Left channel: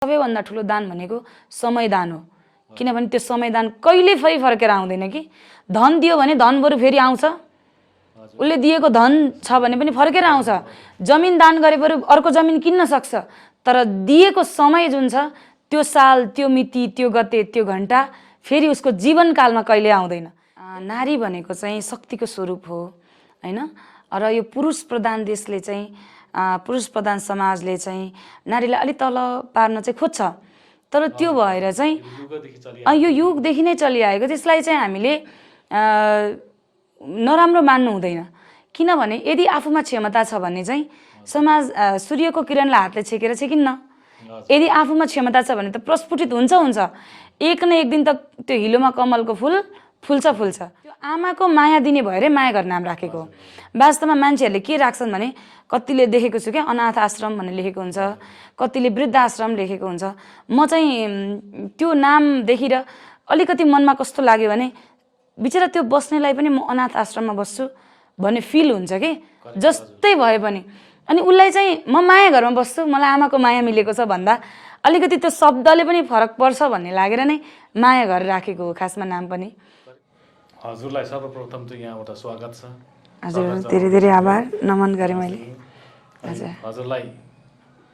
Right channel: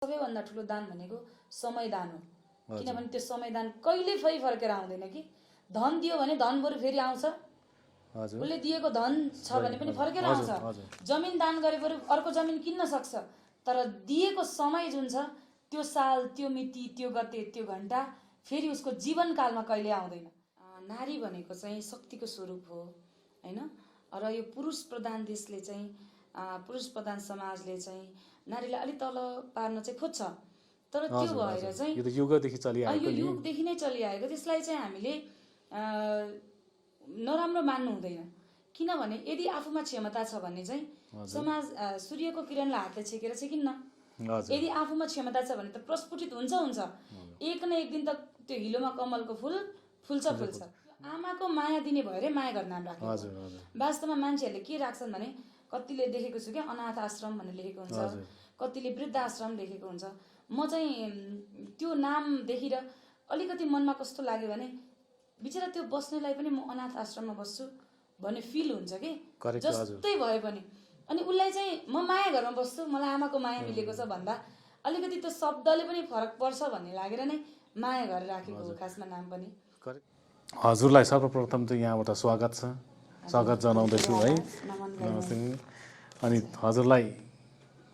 सबैभन्दा ठुलो दान भनेको समय दान हो। किनभने त्यो समय दान कहिले फर्केर आउँदैन कि। धन दियो भने धन बरु फेरि आउँछ, उसले दिएको धन छ भने पनि फर्केर आउँछ। जमिन दान गरे बरु अर्को जमिन किन्न सक्छ, तर दिएको समय जुन छ त्यो साल, त्यो मिति, त्यो गते, त्यो घण्टा फेरि उसको जीवनकालमा कहिले आउँदैन। नारी भनेको चाहिँ शक्तिको स्वरूप हो हैन। र यो पुरुष प्रधान देशले चाहिँ, पुरुष प्रधान समाजले चाहिँ नारीलाई अलि तल पार्न चाहिँ खोज्छ, तर त्यो भएर चाहिँ यो युगदेखि नै चलिआएको। त्यसलाई चाहिँ हामीले नराम्रो मान्नु हुँदैन। किनभने यदि आफूमा क्षमता छ भने चाहिँ समाज सूर्यको किरणलाई हातले छेकेर छेकिन्न। यदि आफूमा क्षमता छ भने त प्रस्फुटित हुन्छ। एक न एक दिन त त्यो हिलोमा कमलको फुल फुल्छ। त्यो आमाको माया दिने भएरै माया गर्ने नाम राखेको। वास्तवमा मान्छेहरूले के राख्छन् भने, कतिले देखेको छु क्या, अनाथ आश्रम भनेर लेखेको हुन्छ, कतिले वृद्ध आश्रम लेखेको हुन्छ। म चाहिँ त्यो नाम देखेर अलिकति मनमा कस्तो लाग्यो भने, बिचरा त्यो बस्नेलाई पनि म अनाथ आश्रममा बस्छु भन्ने फिल हुन्छ कि, जस्तै भए पनि। अनि उसलाई चाहिँ म माया घरमा बस्छु, मलाई आमाको माया मिलेको छ भन्दा अलिकति त्यो शब्दले पनि फरक पर्छ भन्ने लागेर नै माया घर राखेको हो खासमा नाम पनि। हजुरलाई सर्वप्रथम चाहिँ यहाँबाट स्वागत छ। हजुर, धेरै धेरै आभार, नमन गरेँ मैले। हजुरलाई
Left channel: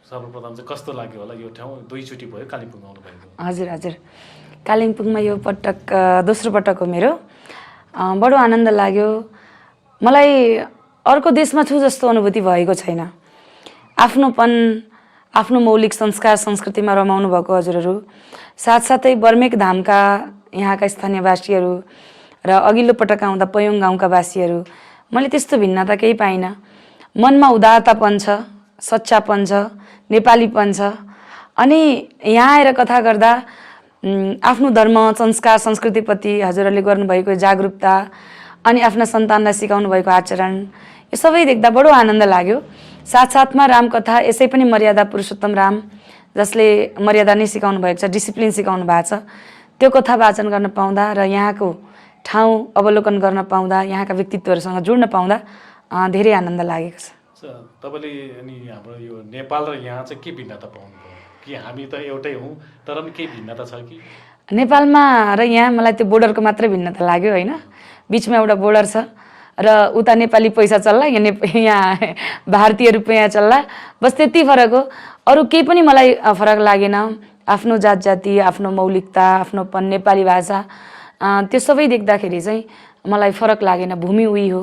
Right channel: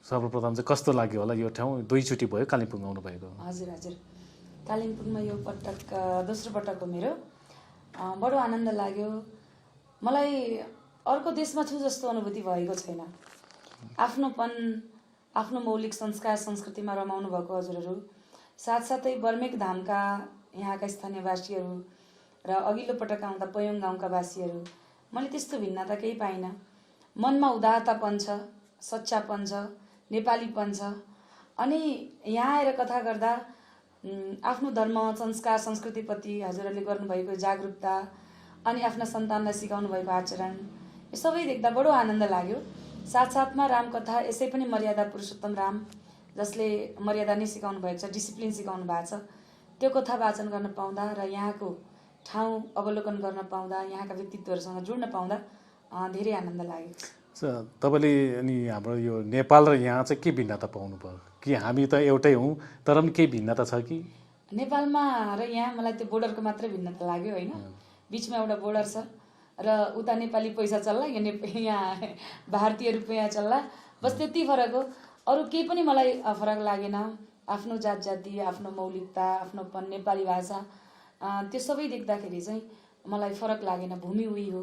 सर्वप्रथम चाहिँ कस्तो लाग्यो होला यो ठाउँ? दुईचोटि भयो कालिम्पोङ आउनु भएको? हजुर, कालिम्पोङमा यो पटक दोस्रो पटक हो मेरो। बडो आनन्द लाग्यो। मलाई अर्को देशमा छु जस्तो अनुभूति भएको छैन। आफ्नोपन, आफ्नो मौलिक संस्कार संस्कृतिमा रमाउनु भएको हजुरहरू, साथसाथै बर्मेक धामका यहाँका स्थानीयवासीहरू र अघिल्लो पटक आउँदा पयोङ गाउँका वासीहरू, मैले त्यस्तो भिन्नता केही पाइनँ। मनमा उदारतापन छ, सच्चापन छ, नेपालीपन छ। अनि यहाँ आएर कथा गर्दा आफ्नो धर्म, संस्कार, संस्कृतिप्रति हजुरहरूले गर्नुभएको जागरुकता अनि आफ्ना सन्तानलाई सिकाउनु भएको आचरण, यो सबै देख्दा बडो आनन्द लाग्यो। साथसाथमा रामकथा, यसै पनि मर्यादा पुरुषोत्तम राम, जसले मर्यादा नै सिकाउनु भएको छ, डिसिप्लिन सिकाउनु भएको छ, त्यो कथा वाचन गर्न पाउँदा र यहाँको ठाउँ अवलोकन गर्न पाउँदा, यहाँका व्यक्तित्वहरूसँग जोड्न पाउँदा धेरै आनन्द लागेको छ। तपाईँले अनि हाम्रो यो नेपाल र यहाँ चाहिँ के भिन्नता पाउनुभयो? कि हामी त एउटै हौँ तर पनि केही भिन्नता छ कि? नेपालमा र यहाँ मलाई त्यो बोर्डरको मात्रै भिन्नता लाग्यो होइन। बिचमा एउटा बोर्डर छ र उता नेपाली पैसा चल्ला, यहाँ भारतीय रुपियाँ चल्ला, बस त्यति फरक हो। अरू केही पनि मलाई फरक लागेन। आफ्नो जात जाति, आफ्नो मौलिकता, आफ्नोपन, नेपाली भाषा, त्यो सबै देख्दाखेरि चाहिँ मलाई फरक लागेन। भूमि उही हो,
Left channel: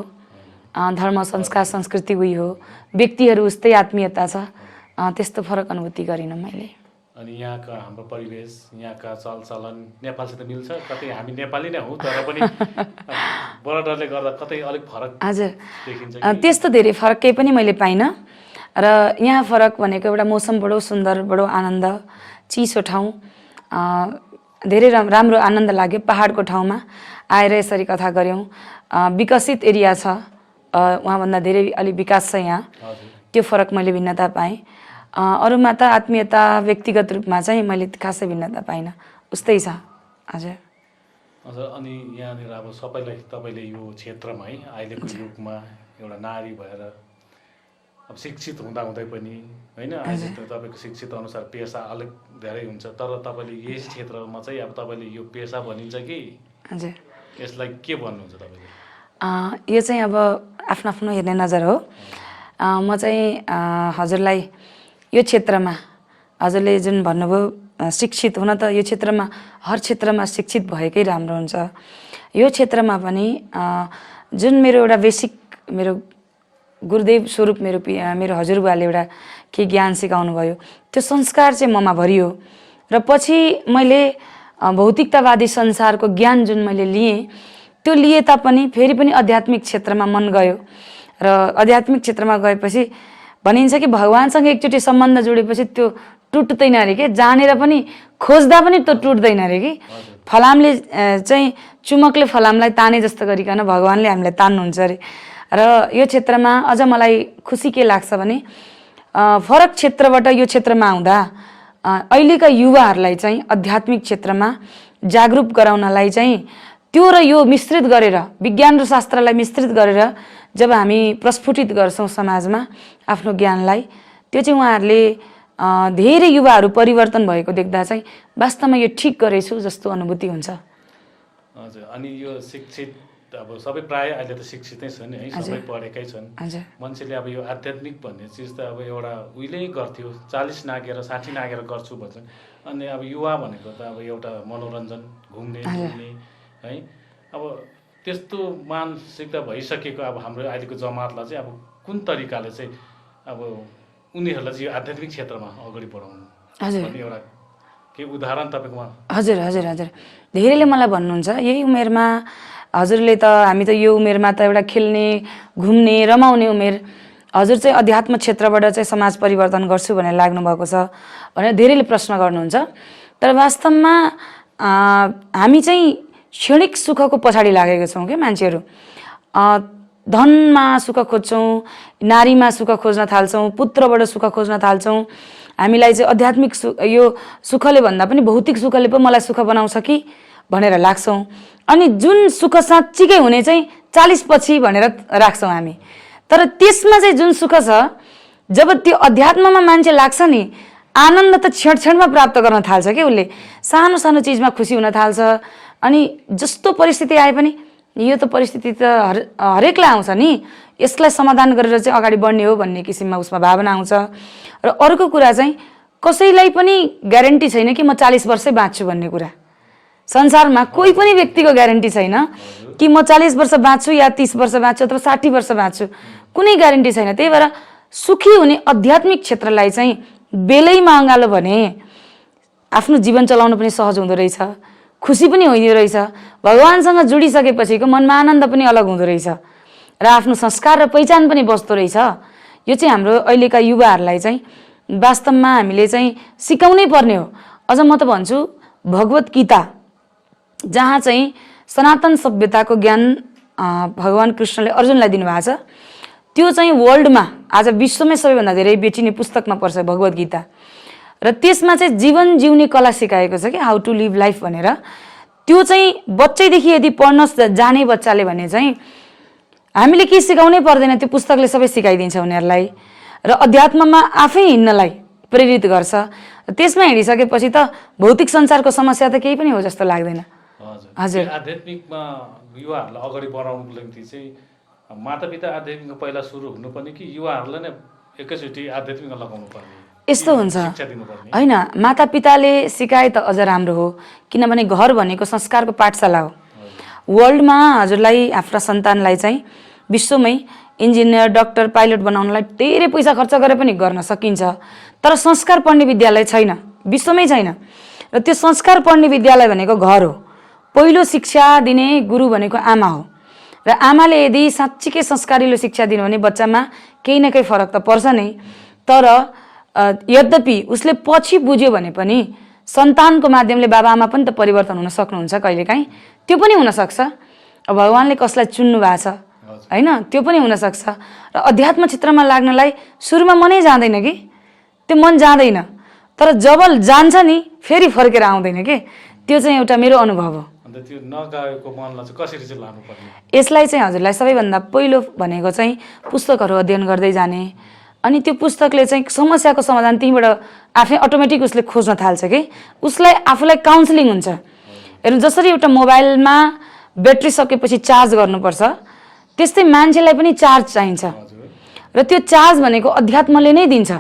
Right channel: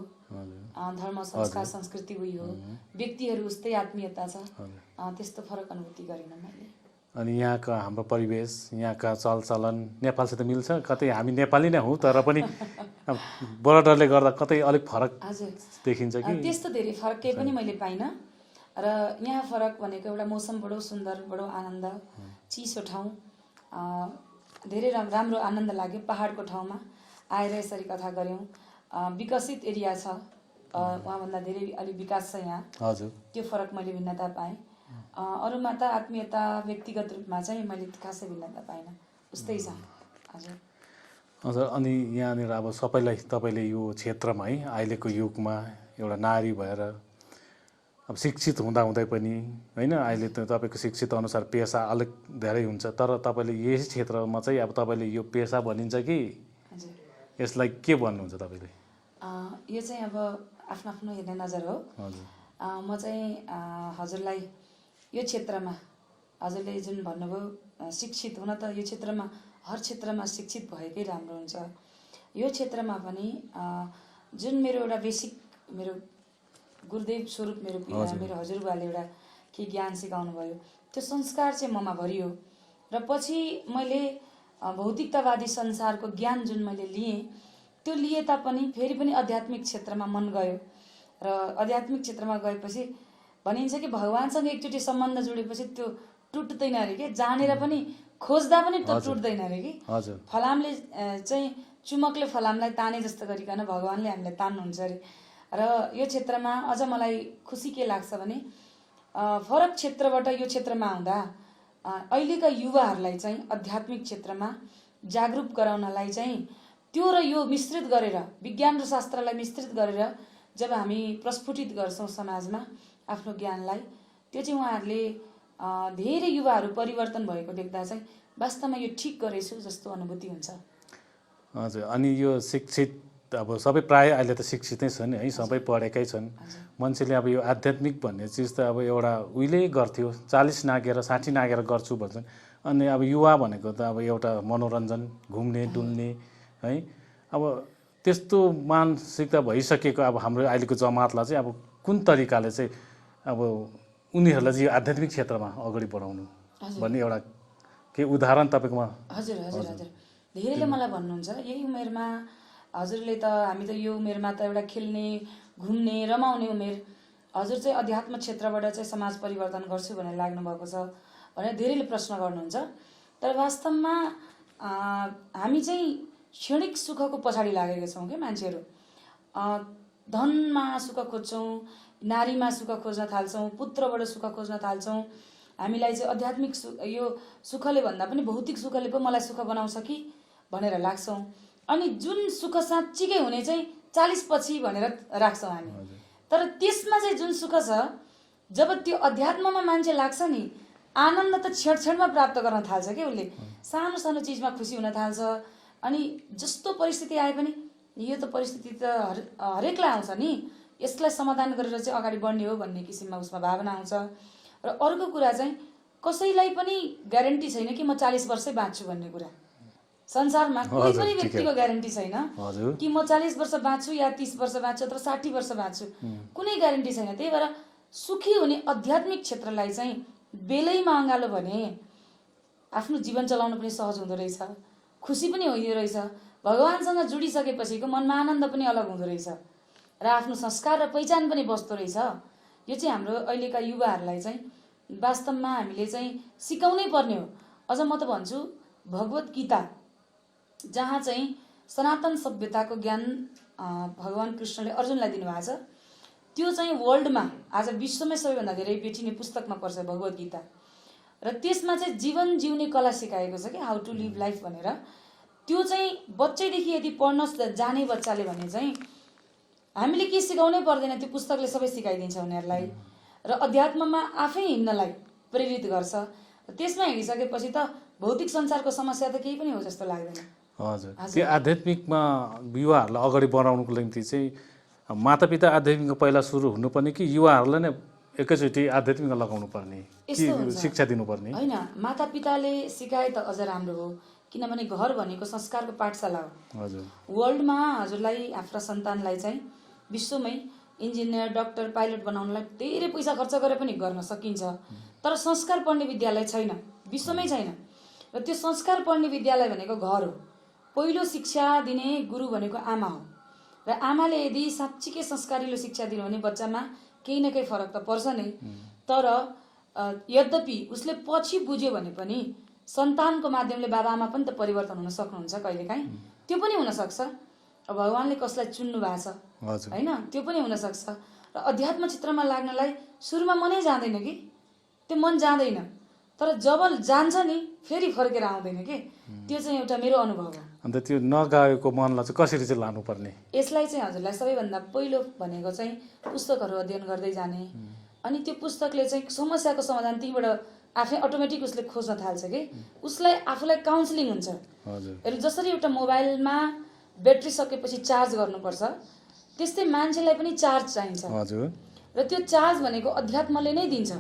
धर्म संस्कार संस्कृति उही हो, व्यक्तिहरू उस्तै आत्मीयता छ, त्यस्तो फरक अनुभूति गरिनँ मैले। अनि यहाँका हाम्रो परिवेश, यहाँका चलचलन नेपालसित मिल्छ? कतै हामी नेपाली नै हौँ तर पनि बोर्डरले गर्दा कतै अलिक फरक देखिन्छ? त्यस्तो धेरै फरक केही पनि मैले पाइनँ। र यहाँ फरक भनेको एउटा मौसम बडो सुन्दर, बडो आनन्द, चिसो ठाउँ, धेरै राम्रो आनन्द लाग्यो। पहाडको ठाउँमा आएर यसरी कथा गऱ्यौँ। विकसित एरिया छ, उहाँभन्दा धेरै अलि विकास छ यहाँ, त्यो फरक मैले भिन्नता पाएँ। अरूमा त आत्मीयता, व्यक्तिगत रूपमा चाहिँ मैले खासै भिन्नता पाइनँ, उस्तै छ। हजुर। अनि यहाँनिर अब सबैलाई तपाईँले यो क्षेत्रमा है अहिलेको युगमा एउटा नारी भएर अब शिक्षित हुँदाहुँदै पनि होइन, अहिले त तपाईँको शिक्षित अनुसार पेसा अलिक धेरै हुन्छ, तर तपाईँले यस क्षेत्रमा चाहिँ अब तपाईँले यो पेसा भनिन्छ कि हजुर यसलाई के भन्नुहुन्छ तपाईँले? यो चाहिँ अब आफ्नो आफ्नो हेर्ने नजर हो। म चाहिँ हजुरलाई यो क्षेत्रमा, हजुरले जुन भन्नुभयो शिक्षित हुन, त यो क्षेत्रमा हर क्षेत्रमा शिक्षित भएकै राम्रो हुन्छ। यो क्षेत्रमा पनि जुन मेरो एउटा बेसिक, मेरो गुरुदेव स्वरूप मेरो हजुरबुवाले एउटा के ज्ञान सिकाउनु भयो, त्यो संस्कार चाहिँ ममा भरियो। र पछि मैले भौतिकतावादी संसारको ज्ञान जुन मैले लिएँ, त्यो लिए तापनि फेरि पनि आध्यात्मिक क्षेत्रमा मन गयो। र आध्यात्मिक क्षेत्रमा गएपछि भनिन्छ कि भगवान्सँग एकचोटि सम्बन्ध जोडेपछि त्यो टुट्दैन अरे कि, जानेर पनि खोज्दा पनि त्यो टुट्दैन अरे कि। फलामले चाहिँ चुमकले फलामलाई ताने जस्तो गरिकन भगवान्ले हामीलाई तान्नुहुन्छ अरे। र यो क्षेत्रमा अझ मलाई खुसी के लाग्छ भने, फरक क्षेत्रबाट यो क्षेत्रमा आउँदा अहिलेका युवाहरूलाई चाहिँ आध्यात्मिक क्षेत्रमा जागरुक गराउनलाई चाहिँ त्यो र यो मिश्रित गरेर, विज्ञान र शास्त्रलाई मिश्रित गरेर जब हामी प्रस्फुटित गर्छौँ समाजमा आफ्नो ज्ञानलाई, त्यो चाहिँ उहाँहरूले धेरै युवाहरू परिवर्तन भएको देख्दा चाहिँ वास्तवमा यो ठिक गरेछु जस्तो अनुभूति हुन्छ। हजुर, अनि यो शिक्षित अब सबै प्रायः अहिले त शिक्षितै छन् है, सबै पढेकै छन्। मान्छेले अब यो आध्यात्मिक भन्ने चिज त अब एउटा उहिल्यै गर्थ्यो, 40 नागेर 60 नागेर गर्छु भन्छ। अनि अब युवा भनेको त अब एउटा मनोरञ्जन, घुम्ने डुल्ने है, अब त्यस्तो मानसिकता भइसकेको अब हाम्रो अहिलेको जमातलाई चाहिँ अब कुन तरिकाले चाहिँ अब उनीहरूलाई चाहिँ यो आध्यात्मिक क्षेत्रमा अगाडि बढाउनु भन्ने एउटा के उदाहरण तपाईँकोमा? हजुर हजुर हजुर, धेरैले मलाई भन्नुहुन्छ यही उमेरमा हजुरले त, हामी त यो उमेरमा त एउटा खेल्ने घुम्ने रमाउने उमेर, हजुर चाहिँ अध्यात्म क्षेत्रबाट चाहिँ समाज परिवर्तन गर्छु भनेर लाग्नुभएको छ भनेर धेरैले प्रश्न गर्नुहुन्छ। तर वास्तवमा हामी चाहिँ क्षणिक सुखको पछाडि लागेका छौँ क्या मान्छेहरू। धनमा सुख खोज्छौँ, नारीमा सुख खोज्न थाल्छौँ, पुत्रबाट सुख खोज्न थाल्छौँ। हामीलाई चाहिँ आध्यात्मिक यो सुखले भन्दा पनि भौतिक सुखले पो मलाई सुख बनाउँछ कि भनेर लाग्छौँ। अनि जुन सुख साँच्चीकै हुने चाहिँ 40 पछि भनेर राख्छौँ हामी। तर त्यसमा चाहिँ जुन सुख छ, जब त्यो अध्यात्ममा मान्छे लाग्छ नि, आनन्द त क्षण क्षणमा प्राप्त गर्न थाल्छ कि उसले। सानो सानो चिजमा खुसी हुन थाल्छ। अनि जस्तो परिस्थिति आए पनि यो त परिस्थिति त हरेकलाई आउँछ नि, यसलाई समाधान गरेर चाहिँ अगाडि बढ्ने हो भन्ने किसिममा उसमा भावना आउँछ। र अर्को कुरा चाहिँ कसैलाई पनि ग्यारेन्टी छैन कि म 40 वर्षै बाँच्छु भन्ने कुरा। संसारमा कोही पनि व्यक्तिको ग्यारेन्टी छैन कि म 40 वर्ष बाँच्छु या 30 वर्ष बाँच्छु अथवा 60 वर्ष बाँच्छु, कुनै ग्यारेन्टी छैन। त्यही भएर सुखी हुने आध्यात्मिक क्षेत्रलाई चाहिँ बेलैमा अँगालो भने आफ्नो जीवन चलाउनु पनि सहज हुँदो रहेछ, खुसी पनि हुँदो रहेछ, भगवानसँग जोडिसकेपछिको मनमा आनन्द पनि अलग हुँदो रहेछ र आफ्नो संस्कार र पहिचान पनि बस्दो रहेछ। यो चाहिँ हाम्रो अहिलेका युवाहरूलाई चाहिँ वास्तवमा हामीले चाहिँ सिकाउनै पर्ने हो। अझ म त भन्छु भगवत गीता, जहाँ चाहिँ सनातन सभ्यताको ज्ञान भगवान कृष्णले अर्जुनलाई दिनुभएको छ, त्यो चाहिँ वर्ल्डमा आज विश्वमै सबैभन्दा धेरै बेचिने पुस्तकमा पर्छ भगवत गीता। र त्यसमा चाहिँ जीवन जिउने कला सिकाएको छ कि हाउ टु लिभ लाइफ भनेर। त्यो चाहिँ बच्चैदेखि यदि पढ्न जाने बच्चाले भने चाहिँ हामीले के सिकाउनै पर्दैन, त्यो पुस्तकले सबै सिकाइदिन्छ उनीहरूलाई र अध्यात्ममा आफै हिँड्नलाई प्रेरित गर्छ। त्यसमा हिँडिसकेपछि त भौतिक संसारको समस्या त केही पनि हो जस्तो लाग्दैन। हजुर, आध्यात्मिकमा युवाहरूलाई अगाडि बढाउनुको निम्ति चाहिँ मातापिता आध्यात्मिकको पहिला सुरु हुनुपर्ने कि युवाहरूलाई नै एकैचोटि आध्यात्मिकमा लगाउनु पर्ने? यस्तो हुन्छ शिक्षा दिनुपर्ने होइन, मातापिताले सिकाए त अझ राम्रो हो, किनभने घर भनेको संस्कारको पाठशाला हो। वर्ल्डमा हजुरलाई आफ्ना सन्तानलाई चाहिँ विश्वमै इन्जिनियर, डाक्टर, पाइलट बनाउनलाई धेरै पैसा खर्च गरे पनि गर्न सकिन्छ। तर संस्कार पढ्ने विद्यालय छैन, विश्वमै छैन। र त्यो संस्कार पढ्ने विद्यालय भनेको घर हो। पहिलो शिक्षा दिने गुरु भनेको आमा हो। र आमाले यदि साँच्चीकै संस्कारिलो शिक्षा दिनु भने बच्चामा केही न केही फरक त पर्छ नै। तर यद्यपि उसले पछि बुझ्यो भने पनि सन्तानको माध्यमले बाबाआमा पनि त परिवर्तन हुन सक्नुहुन्छ कहिलेकाहीँ, त्यो पनि हुनसक्छ। भगवानले कसलाई चुन्नु भएको छ होइन, त्यो पनि हुनसक्छ। र अध्यात्म क्षेत्रमा लाग्नलाई सुरुमा मनै जाँदैन कि, त्यो मन जाँदैन। तर जब जान्छ नि फेरि फर्केर आउँदैन कि, त्यो चाहिँ एउटा मेरो अनुभव हो। अन्त त्यो नगएको मनलाई चाहिँ कसरी चाहिँ लानुपर्ने? यसलाई चाहिँ हजुरलाई सबैभन्दा पहिलो भनेको चाहिँ पुस्तकहरू अध्ययन गर्दै जाने। अनि त्यो पुस्तकले चाहिँ समस्याको समाधान त्यहीँबाट आफै अटोमेटिक उसले खोज्न थाल्छ कि, उसलाई आफूलाई काउन्सिलिङ हुन्छ। हेर्नु, जसरी एउटा मोबाइलमा ब्याट्री सकेपछि चार्ज गर्नुपर्छ, त्यस्तै मान्छेलाई पनि चार्ज चाहिन्छ। र त्यो चार्ज भनेको अध्यात्मले नै दिन्छ।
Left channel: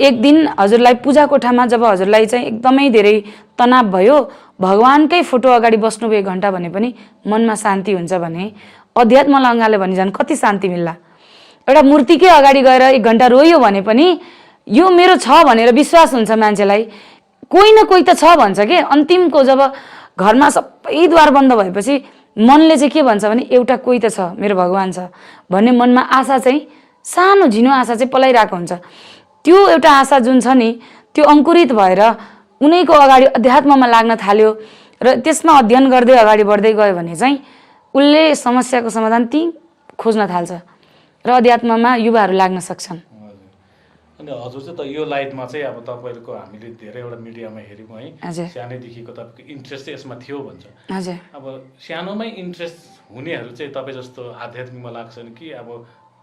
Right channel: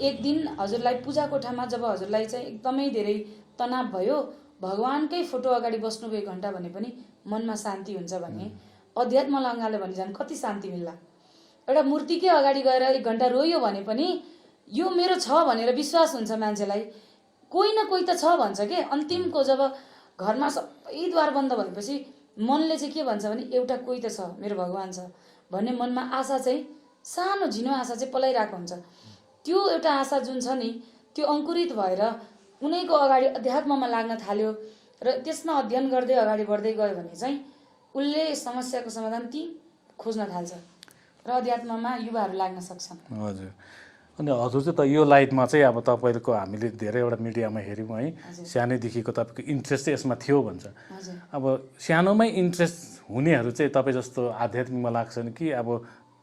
एक दिन हजुरलाई पूजा कोठामा जब हजुरलाई चाहिँ एकदमै धेरै तनाव भयो, भगवानकै फोटो अगाडि बस्नुभयो 1 घन्टा भने पनि मनमा शान्ति हुन्छ भने अध्यात्मलाई अँगाल्यो भने झन् कति शान्ति मिल्ला। एउटा मूर्तिकै अगाडि गएर 1 घन्टा रोयो भने पनि यो मेरो छ भनेर विश्वास हुन्छ मान्छेलाई। कोही न कोही त छ भन्छ कि। अन्तिमको जब घरमा सबै द्वार बन्द भएपछि मनले चाहिँ के भन्छ भने एउटा कोही त छ, मेरो भगवान छ भन्ने मनमा आशा चाहिँ, सानो झिनो आशा चाहिँ पलाइरहेको हुन्छ। त्यो एउटा आशा जुन छ नि, त्यो अङ्कुरित भएर उनैको अगाडि अध्यात्ममा लाग्न थाल्यो र त्यसमा अध्ययन गर्दै अगाडि बढ्दै गयो भने चाहिँ उसले समस्याको समाधान त्यहीँ खोज्न थाल्छ र अध्यात्ममा युवाहरू लाग्न सक्छन्। हजुर, अनि हजुर चाहिँ त यो लाइटमा चाहिँ अब तपाईँको हामीले धेरैवटा मिडियामा हेऱ्यौँ है, सानैदेखिको तपाईँको इन्ट्रेस्ट चाहिँ यसमा थियो भन्छ। हजुर, अब सानोमै इन्ट्रेस्ट हुनेहरू चाहिँ तपाईँ जस्तो आध्यात्मिकमा लाग्छन् कि अब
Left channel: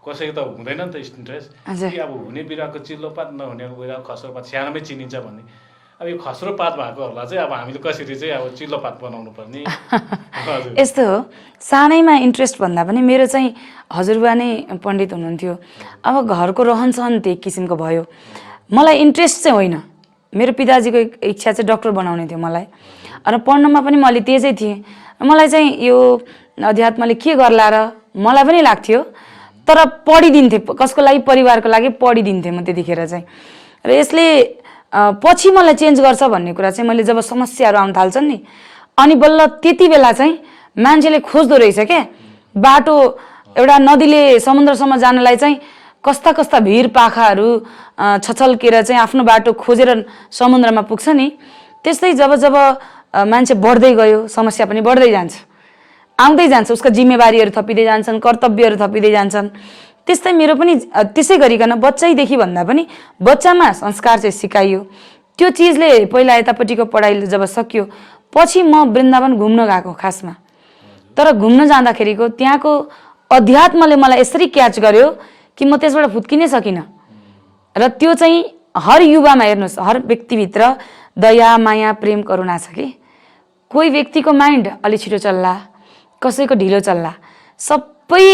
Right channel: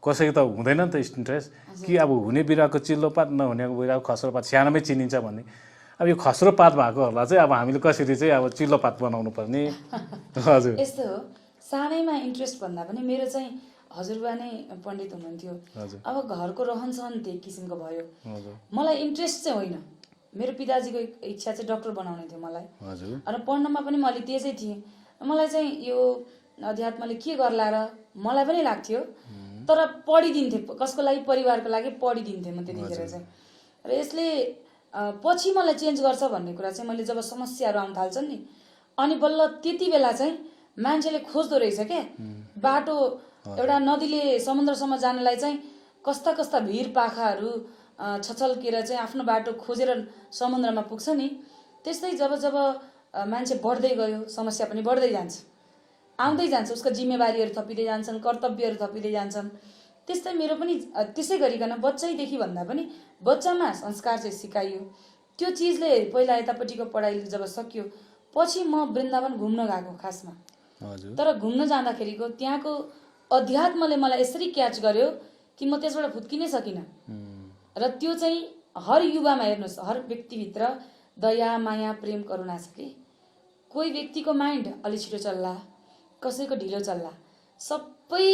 कसैको त हुँदैन नि त इन्ट्रेस्ट कि अब हुने बिरुवाको चिल्लो पात नहुने बिरुवाको खस्रो पात सानोमै चिनिन्छ भन्ने। अब यो खस्रो पात भएकोहरूलाई चाहिँ अब हामीले कसरी चाहिँ अब चिल्लो पात बनाउनु पर्ने। हजुर यस्तो हो, सानैमा इन्ट्रेस्ट भन्दा पनि मेरो चाहिँ हजुरबा नै पण्डित हुनुहुन्थ्यो। अब घरको रहनसहन त्यही किसिमको भयो। मलाई इन्ट्रेस्ट चाहिँ होइन, मेरो पिताजीको इच्छा चाहिँ डक्टर बनाउने थियो मलाई, र पढ्नमा पनि म अलि तेजै थिएँ। मलाई चाहिँ यो अध्यात्मले के गर्ला र मलाई पनि लाग्थ्यो, तर पढिदिन्थेँ कसको लागि, परिवारको लागि पढिदिन्थेँ म त्यतिखेर चाहिँ। र यसले पछि मलाई चेन्ज गर्छ भन्ने कुरा चाहिँ मैले जब समस्याहरू आउन थाल्छन् नि, अनि बल्ल त्यति बेला चाहिँ मान्छेले खोज्दो रहेछ क्या बाटो। एउटा नदीले समुद्रसम्म जानलाई चाहिँ कस्ता कस्ता भिर पाखाहरू छछल्केर चाहिँ आफ्नो बाटो खोजेर समुद्रमा पुग्छ नि, त्यस्तै जब जब मान्छे बढ्दै गयो समस्या पनि बढ्दै जान्छ, आउँदै जान्छ, उसका जिम्मेवारीहरू थपिँदै जान्छन्, कर्तव्यहरू थपिँदै जान्छन्। त्यस्तै मेरो पनि त्यसै गरिकन बच्चैदेखि भन्दा पनि बच्चामा संस्कार चाहिँ सिकाइयो। त्यो चिजले पहिला यतापट्टिको पढाइ जब सकियो पछि म वृन्दावन घुम्न गएको खासमा, तर घुम्न जाँदाखेरिको त्यहाँको अध्यात्मले मलाई यसरी क्याच गर्यो कि म त्यसबाट फुत्किनै सकिनँ। र त्यो चाहिँ हर युवामा हेर्नुहोस्, हर व्यक्तिभित्र दया माया प्रेम करुणा छ कि। कोही व्यक्तिको माइन्ड अलि छिटो चल्ला, कसैको ढिलो चल्ला, सबै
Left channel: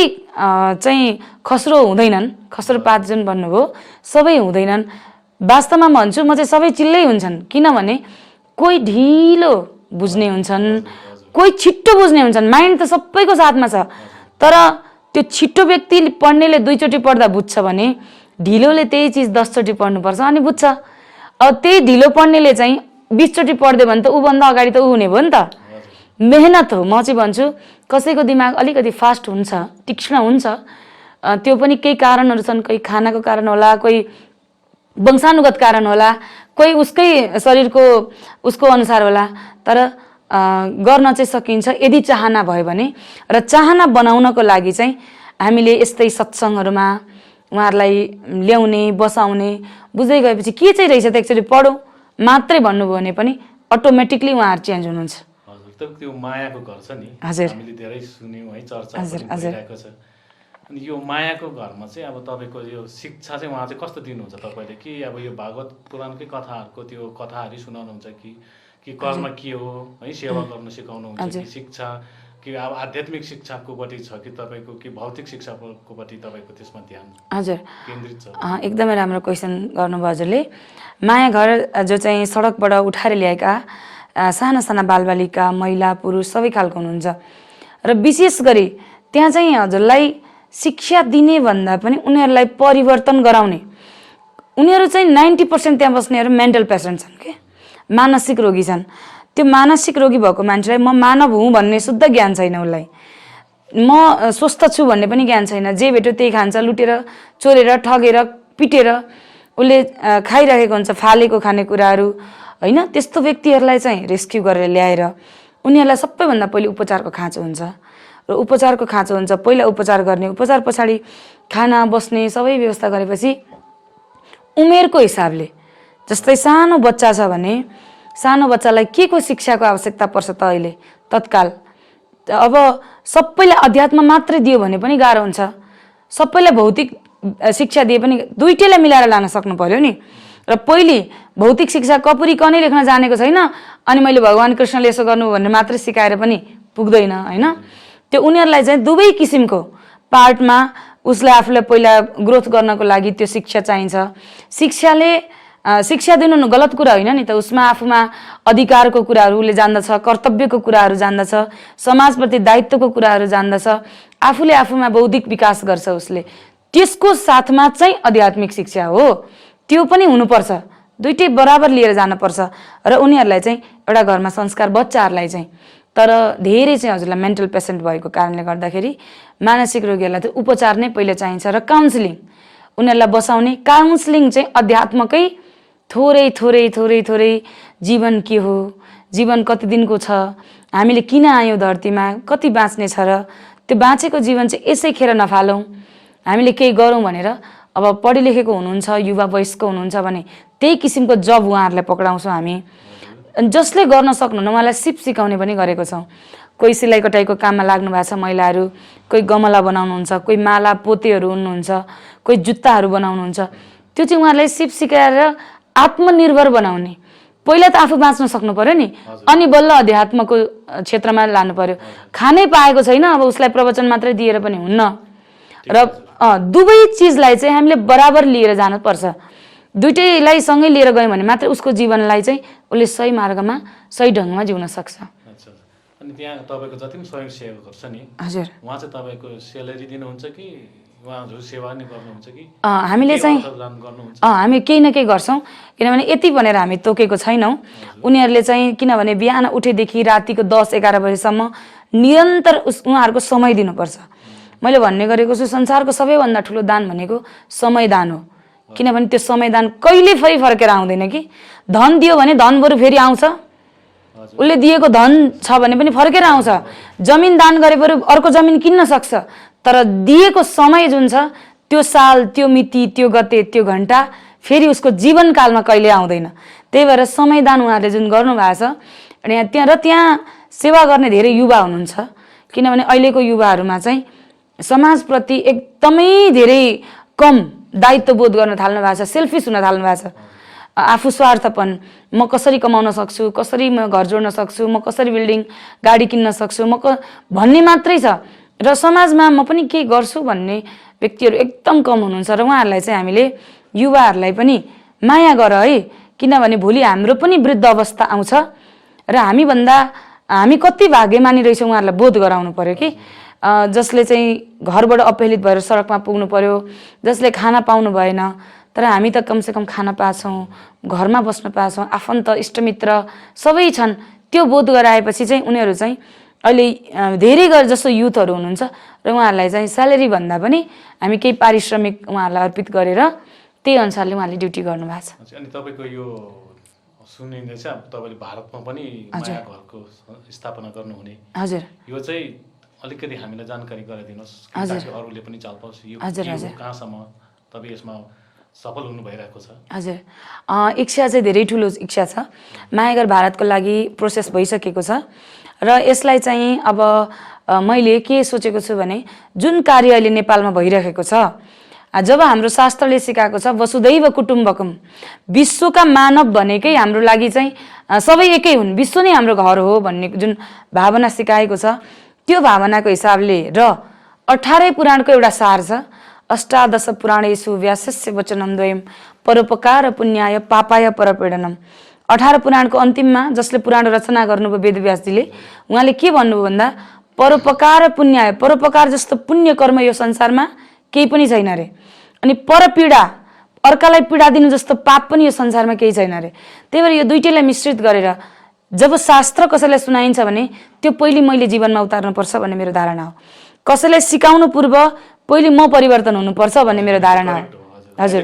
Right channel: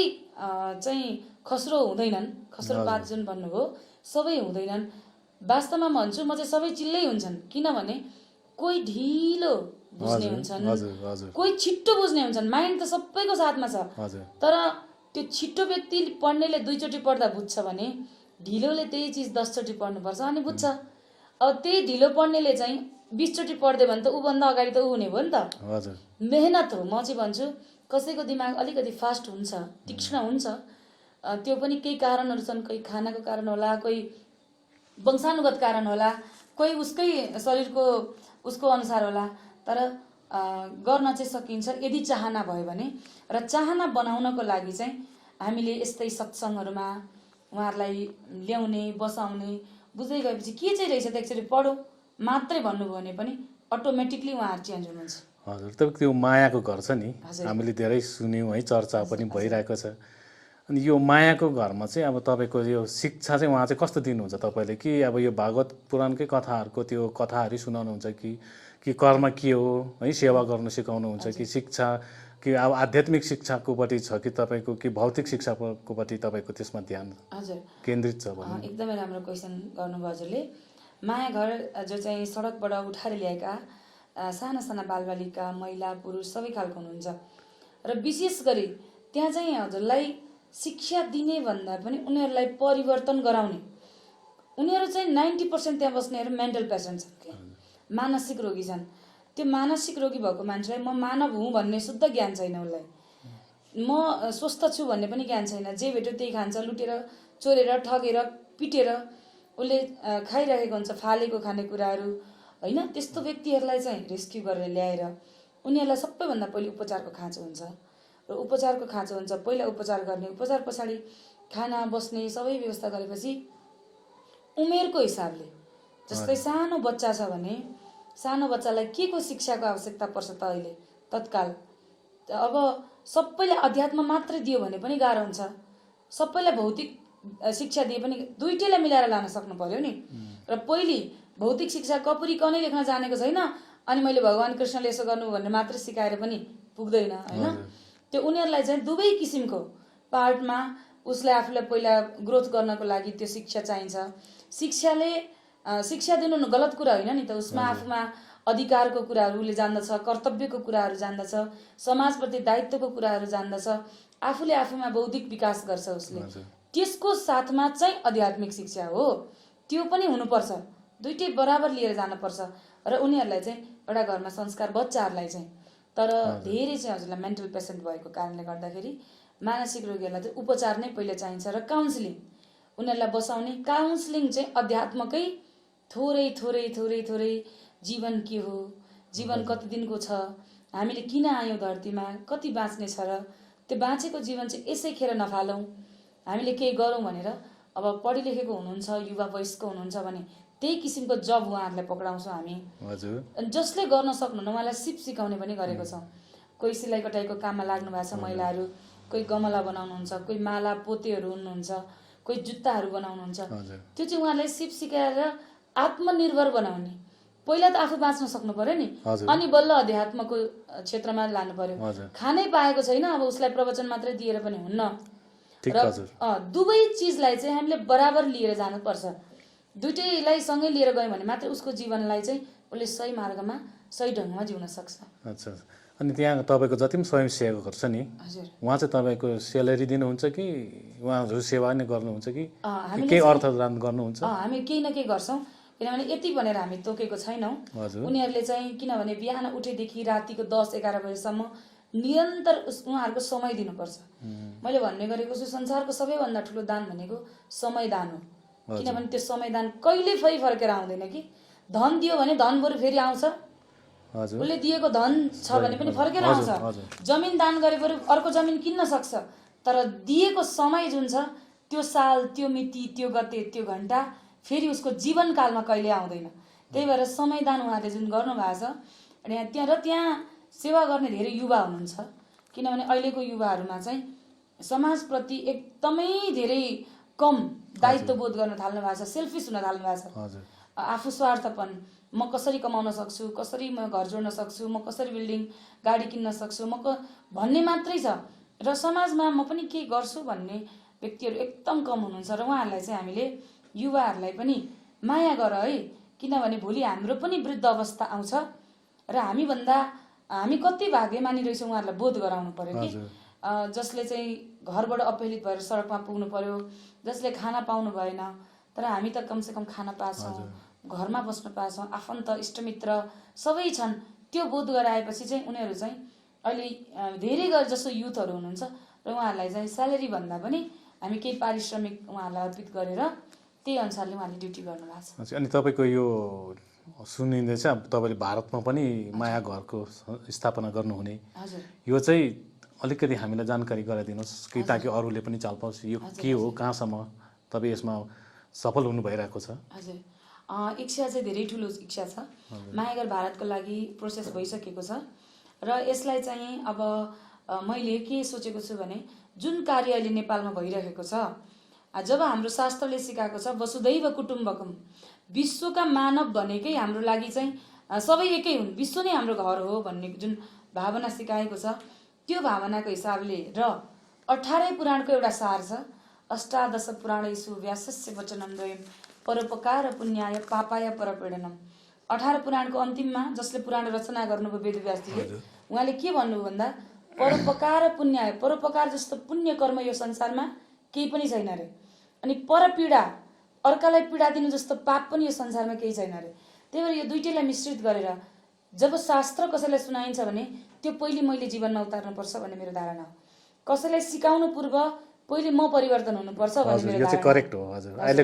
चाहिँ खस्रो हुँदैनन्। खस्रो पात जुन भन्नुभयो सबै हुँदैनन्। वास्तवमा भन्छु म चाहिँ सबै चिल्लै हुन्छन्, किनभने कोही ढिलो बुझ्ने हुन्छन्, कोही छिट्टो बुझ्ने हुन्छन्। माइन्ड त सबैको साथमा छ, तर त्यो छिट्टो व्यक्ति पढ्नेले 2 चोटि पढ्दा बुझ्छ भने ढिलोले त्यही चिज 10 चोटि पढ्नुपर्छ अनि बुझ्छ। अब त्यही ढिलो पढ्नेले चाहिँ 20 चोटि पढ्दै भने त ऊभन्दा अगाडि त ऊ हुने भयो नि त। मेहनत हो। म चाहिँ भन्छु कसैको दिमाग अलिकति फास्ट हुन्छ, तीक्ष्ण हुन्छ, त्यो पनि केही कारणहरू छन्। कोही खानाको कारण होला, कोही वंशानुगत कारण होला, कोही उसकै शरीरको उसको अनुसार होला, तर गर्न चाहिँ सकिन्छ यदि चाहना भयो भने। र चाहना बनाउनको लागि चाहिँ हामीले यस्तै सत्सङ्गहरूमा उहाँहरूलाई ल्याउने, बसाउने, बुझ्दै गएपछि के चाहिँ रहेछ त एकचोटि पढौँ मात्रै भन्नुभयो भने पनि अटोमेटिकली उहाँहरू चेन्ज हुनुहुन्छ। हजुर, तर त्यो मायाको घर छ नि, हामीले धेरै सुन्यौँ है, चर्चा पनि भइरहेको छ। अनि यो मायाको घरमा चाहिँ अब तपाईँको यो शिक्षा चाहिँ उहाँ चाहिँ कस्तो दिनुहुन्छ तपाईँले? कि अब यो भागवत पुराणकै कथाहरूको त्यो कथाहरू सुनाउनुहुन्छ कि कर्म के हो है, सेवा गर्न सिकाउनुहुन्छ कि शिक्षा, कि अब आध्यात्मिक शिक्षाकोपट्टि छ कि तपाईँको, कि भौतिक शिक्षाकोपट्टि तपाईँको त्यसमा ध्यान हजुर केन्द्रित छ? एकदमै राम्रो क्वेसन गर्नुभयो हजुरले। माया घर जो चाहिँ सडकबाट उठाएर ल्याएका साना साना बालबालिका, महिला, पुरुष सबै खालको हुनुहुन्छ। र विशेष गरी त्यहाँ चाहिँ हजुरलाई शिक्षा दिने भन्दा पनि उनीहरूलाई परिवर्तन गराउने। उनीहरू चाहिँ 90% त्यहाँ बस्नेहरू मेन्टल पेसेन्ट छन् के, मानसिक रोगी छन्। त्यो मानसिक रोगी भएको मान्छेलाई म मानव हुँ भन्ने शुद्ध ज्ञान छैन, उसलाई म स्वस्थ छु भन्ने पनि ज्ञान छैन। जे भेट्यो त्यही खान्छ, लुटेर चोरेर ठगेर पिटेर उसले खाइरहेको हुन्छ फालेको खानेकुराहरू होइन। त्यस्तो व्यक्तिहरूलाई चाहिँ रेस्क्यु गरेर ल्याएर उनीहरूलाई सबैभन्दा पहिले उपचारको खाँचो हुन्छ। र उपचारको खाँचो हुन्छ, पहिला उपचार गर्ने, उपचार पछाडि खाना बस्ने सबै व्यवस्था गरेपछि उमेरको हिसाबले, जस्तै सानो बच्चा छ भने सानो बच्चालाई के को शिक्षाको आवश्यकता पर्छ त अहिले तत्काल? अब सबैलाई अध्यात्म मात्रै दियो भने पनि गाह्रो हुन्छ, सबैलाई भौतिक शिक्षा दिए पनि दुईटैलाई मिलाएर लान सक्नु पर्यो नि। र पहिले भौतिक शिक्षा कपुरी कनै लेख्न जानेको छैन अनि मैले भगवान् कृष्णले यसो गर्नु भन्ने मात्रै सिकाएर पनि पुग्दैन होइन। त्यो उनीहरूलाई चाहिँ दुवै किसिमको पार्टमा उसलाई आफूलाई पहिला ग्रोथ गर्नको लागि त्यो शिक्षा चाहिन्छ। शिक्षा दिनु गलत कुरा होइन नि त, उसमा आफूमा अधिकारको कुराहरू उसले जान्दछ, कर्तव्यको कुराहरू जान्दछ, समाजप्रति दायित्वको कुराहरू जान्दछ, आफूले आफूमा बौद्धिक विकास गर्छ उसले। त्यसको साथमा चाहिँ आध्यात्मिक शिक्षा हो, त्यो पनि हुनुपर्छ, दुइटै बराबर लिएर जानुपर्छ। र उनीहरूलाई चाहिँ एउटा घरमा संस्कार बच्चाहरूलाई चाहिँ, तर धेरै चाहिँ हजुरलाई मेन्टल पेसेन्ट भएको कारणले गर्दाखेरि मानसिक रोगीहरूलाई चाहिँ उपचार नै पहिले चाहिन्छ र काउन्सिलिङ, उनीहरूलाई बसाउने काउन्सिलिङ चाहिँ अध्यात्मकै थोरै थोरै थोरै थोरै जीवन के हो, जीवन कति दिनको छ, हामीले किन आयौँ धरतीमा, कति बाँच्ने छ, र त्यो बाँचेको जीवन चाहिँ यसै खेर नफालौँ, हामीले केही गरौँ भनेर। अब पढे लेखेको हुनुहुन्छ, युवा वयस्क हुनुहुन्छ भने त्यही किसिमको जब उहाँहरूलाई पक्राउँछौँ हामी। जसले गर्न सक्नुहुन्न उहाँलाई सिप सिकाउने पनि गरेको छौँ। कोही सिलाइ कटाइको काममा लाग्नु भएको छ महिलाहरू, कोही गमला बनाउनुहुन्छ, कोही माला पोतेहरू हुनुहुन्छ, कोही जुत्ताहरू बनाउनुहुन्छ। त्यो चाहिँ उहाँहरूलाई सिप सिकाएर आत्मनिर्भर बनाउने। पहिला त आफू बाँच्न सक्नु पर्यो नि, अनि बल्ल अध्यात्मको क्षेत्रमा लानु पर्यो। खानै पाएको छैन, अब उसलाई प्रवचन मात्रै दिएर पनि हुन्न। र दुवै चिजलाई चाहिँ हामीले बराबर लिएर जानुपर्छ। दुइटैलाई सँगै लिएर गयौँ भने मात्रै उसको जीवनलाई चाहिँ उसले सही मार्गमा सही ढङ्गमा जिउन सक्छ। अच्छा, अनि त्यहाँ तपाईँको जति पनि स्वयंसेवकहरू छ नि, हजुर, उहाँ चाहिँ तपाईँको सेलेरी दिनुहुन्छ कि उहाँहरू सेवा नै गर्नुहुन्छ कि हामीले चाहिँ गर्नुहुन्छ? हामी केही न केही गर्छौँ, किनभने यति भनेर हामी तोकेको छैनौँ। उनीहरूले चाहिँ किनभने बिहान उठेदेखि रातिको 10-11 बजीसम्म निरन्तर उहाँहरूको समय दिनुपर्छ। मैले भन्ने गरेको छु, संसारको सबैभन्दा ठुलो दान भनेको समय दान हो। किनभने त्यो समय दान कहिले फेरि फर्केर आउँदैन कि। धन दियो भने धन बरु फेरि आउँछ, उसले दिएको धन छ भने पनि फर्केर आउँछ। जमिन दान गरे बरु अर्को जमिन किन्न सक्छ, तर दिएको समय जुन छ त्यो साल, त्यो मिति, त्यो गते, त्यो घन्टा फेरि उसको जीवनकालमा कहिले आउँदैन। त्यही भएर समय दान उहाँहरूले जुन गर्नुभएको छ, अनि त्यहाँ सेवा गर्ने धेरै युवा हुनुहुन्छ। किनभने अहिलेको युवाहरूमा चाहिँ समाजप्रति एकदमै धेरै कम दायित्वबोध गर्न थाल्नु भएको छ, सेल्फिस हुन थाल्नु भएको छ। आफू स्वार्थपन, म कसरी कमाउन सक्छु, कसरी म घर जोड्न सक्छु, म कसरी बिल्डिङ गाडी किन्न सक्छु, भन्ने मात्रै छ। र समाजमा म पनि के गर्छु भन्ने व्यक्तिहरू एकदम कम हुनुहुन्छ। र उहाँहरूलाई चाहिँ हामीले युवाहरूलाई पनि माया गर है, किनभने भोलि हाम्रो पनि वृद्ध अवस्था आउँछ र हामी कति भाग्यमानी रहेछौँ उहाँहरूलाई बोध गराउनु पर्यो कि। जसले चाहिँ घरबाट अपहेलित भएर सडकमा पुग्नु पर्यो, जसले खाना पाउनु भएन, तर हामी त कमसेकम खाना पाछौँ, घरमा बस्न पाछौँ, आफन्त इष्टमित्र सबै छन्। त्यो बोध गराएपछि चाहिँ उनीहरू चाहिँ अहिले धेरै जस्तो युथहरू हुनुहुन्छ र उहाँहरूलाई चाहिँ स्यालेरी भन्दा पनि हामी केही पारिश्रमिक उहाँहरूलाई अर्पित गरेर त्यही अनुसारले उहाँले ड्युटी गर्नुभएको छ। अनि तपाईँको यो सुनिँदैछ तपाईँले भारतमा पनि माया घरको स्थापना गर्नुहुने, हजुर, यो चाहिँ अलिकति हामीलाई जानकारी गराइदिनुहोस् ताकि अरूले पनि चाल पाओस् यो के हो, कहाँसम्म तपाईँ यसमा सफल हुनु भइरहेको छ? हजुर, इच्छा चाहिँ धेरै ठुलो इच्छा छ। मायाघर भारतको लागि प्रोसेस भइसकेको छ र यसलाई चाहिँ अब मैले के सोचेको छु भने जुन कार्य अहिले नेपालमा भइरहेको छ, जब हाम्रो शास्त्रले सिकाएको छ वसुधैव कुटुम्बकम, विश्वका मानव भनेकै हाम्रो लागि चाहिँ सबै एकै हुन्, विश्व नै हाम्रो घर हो भन्ने जुन भावना सिकाएको छ, त्यो भावनाको हिसाबले र 18 पुराणको एउटा सार छ, अष्टादश पुराणेषु व्यासस्य वचनम द्वयम् परोपकार पुण्याय पापाय परपीडनम। 18 पुराणको अन्तिममा जसले पुराण रचना गर्नुभयो वेदव्यासजीले, उहाँले के भन्नुभयो भन्दा परोपकार पुण्याय, परोपकार जस्तो पुण्य कर्म यो संसारमा केही पनि छैन रे, अनि परपीडा, अर्कालाई पीडा दिनु जस्तो पाप पनि यो संसारमा केही छैन रे। त्यही भएर यो दुइटैलाई मिश्रित गरेर जब शास्त्र कसैलाई सुनाइन्छ भने त्यो पहिले मैले जीवनमा उतार्नुपर्छ भन्ने मेरो धारणा हो। कसैलाई सिकाउनु पूर्व पहिले म परिवर्तन हुनुपर्छ भन्ने मेरो धारणा हो। हजुर,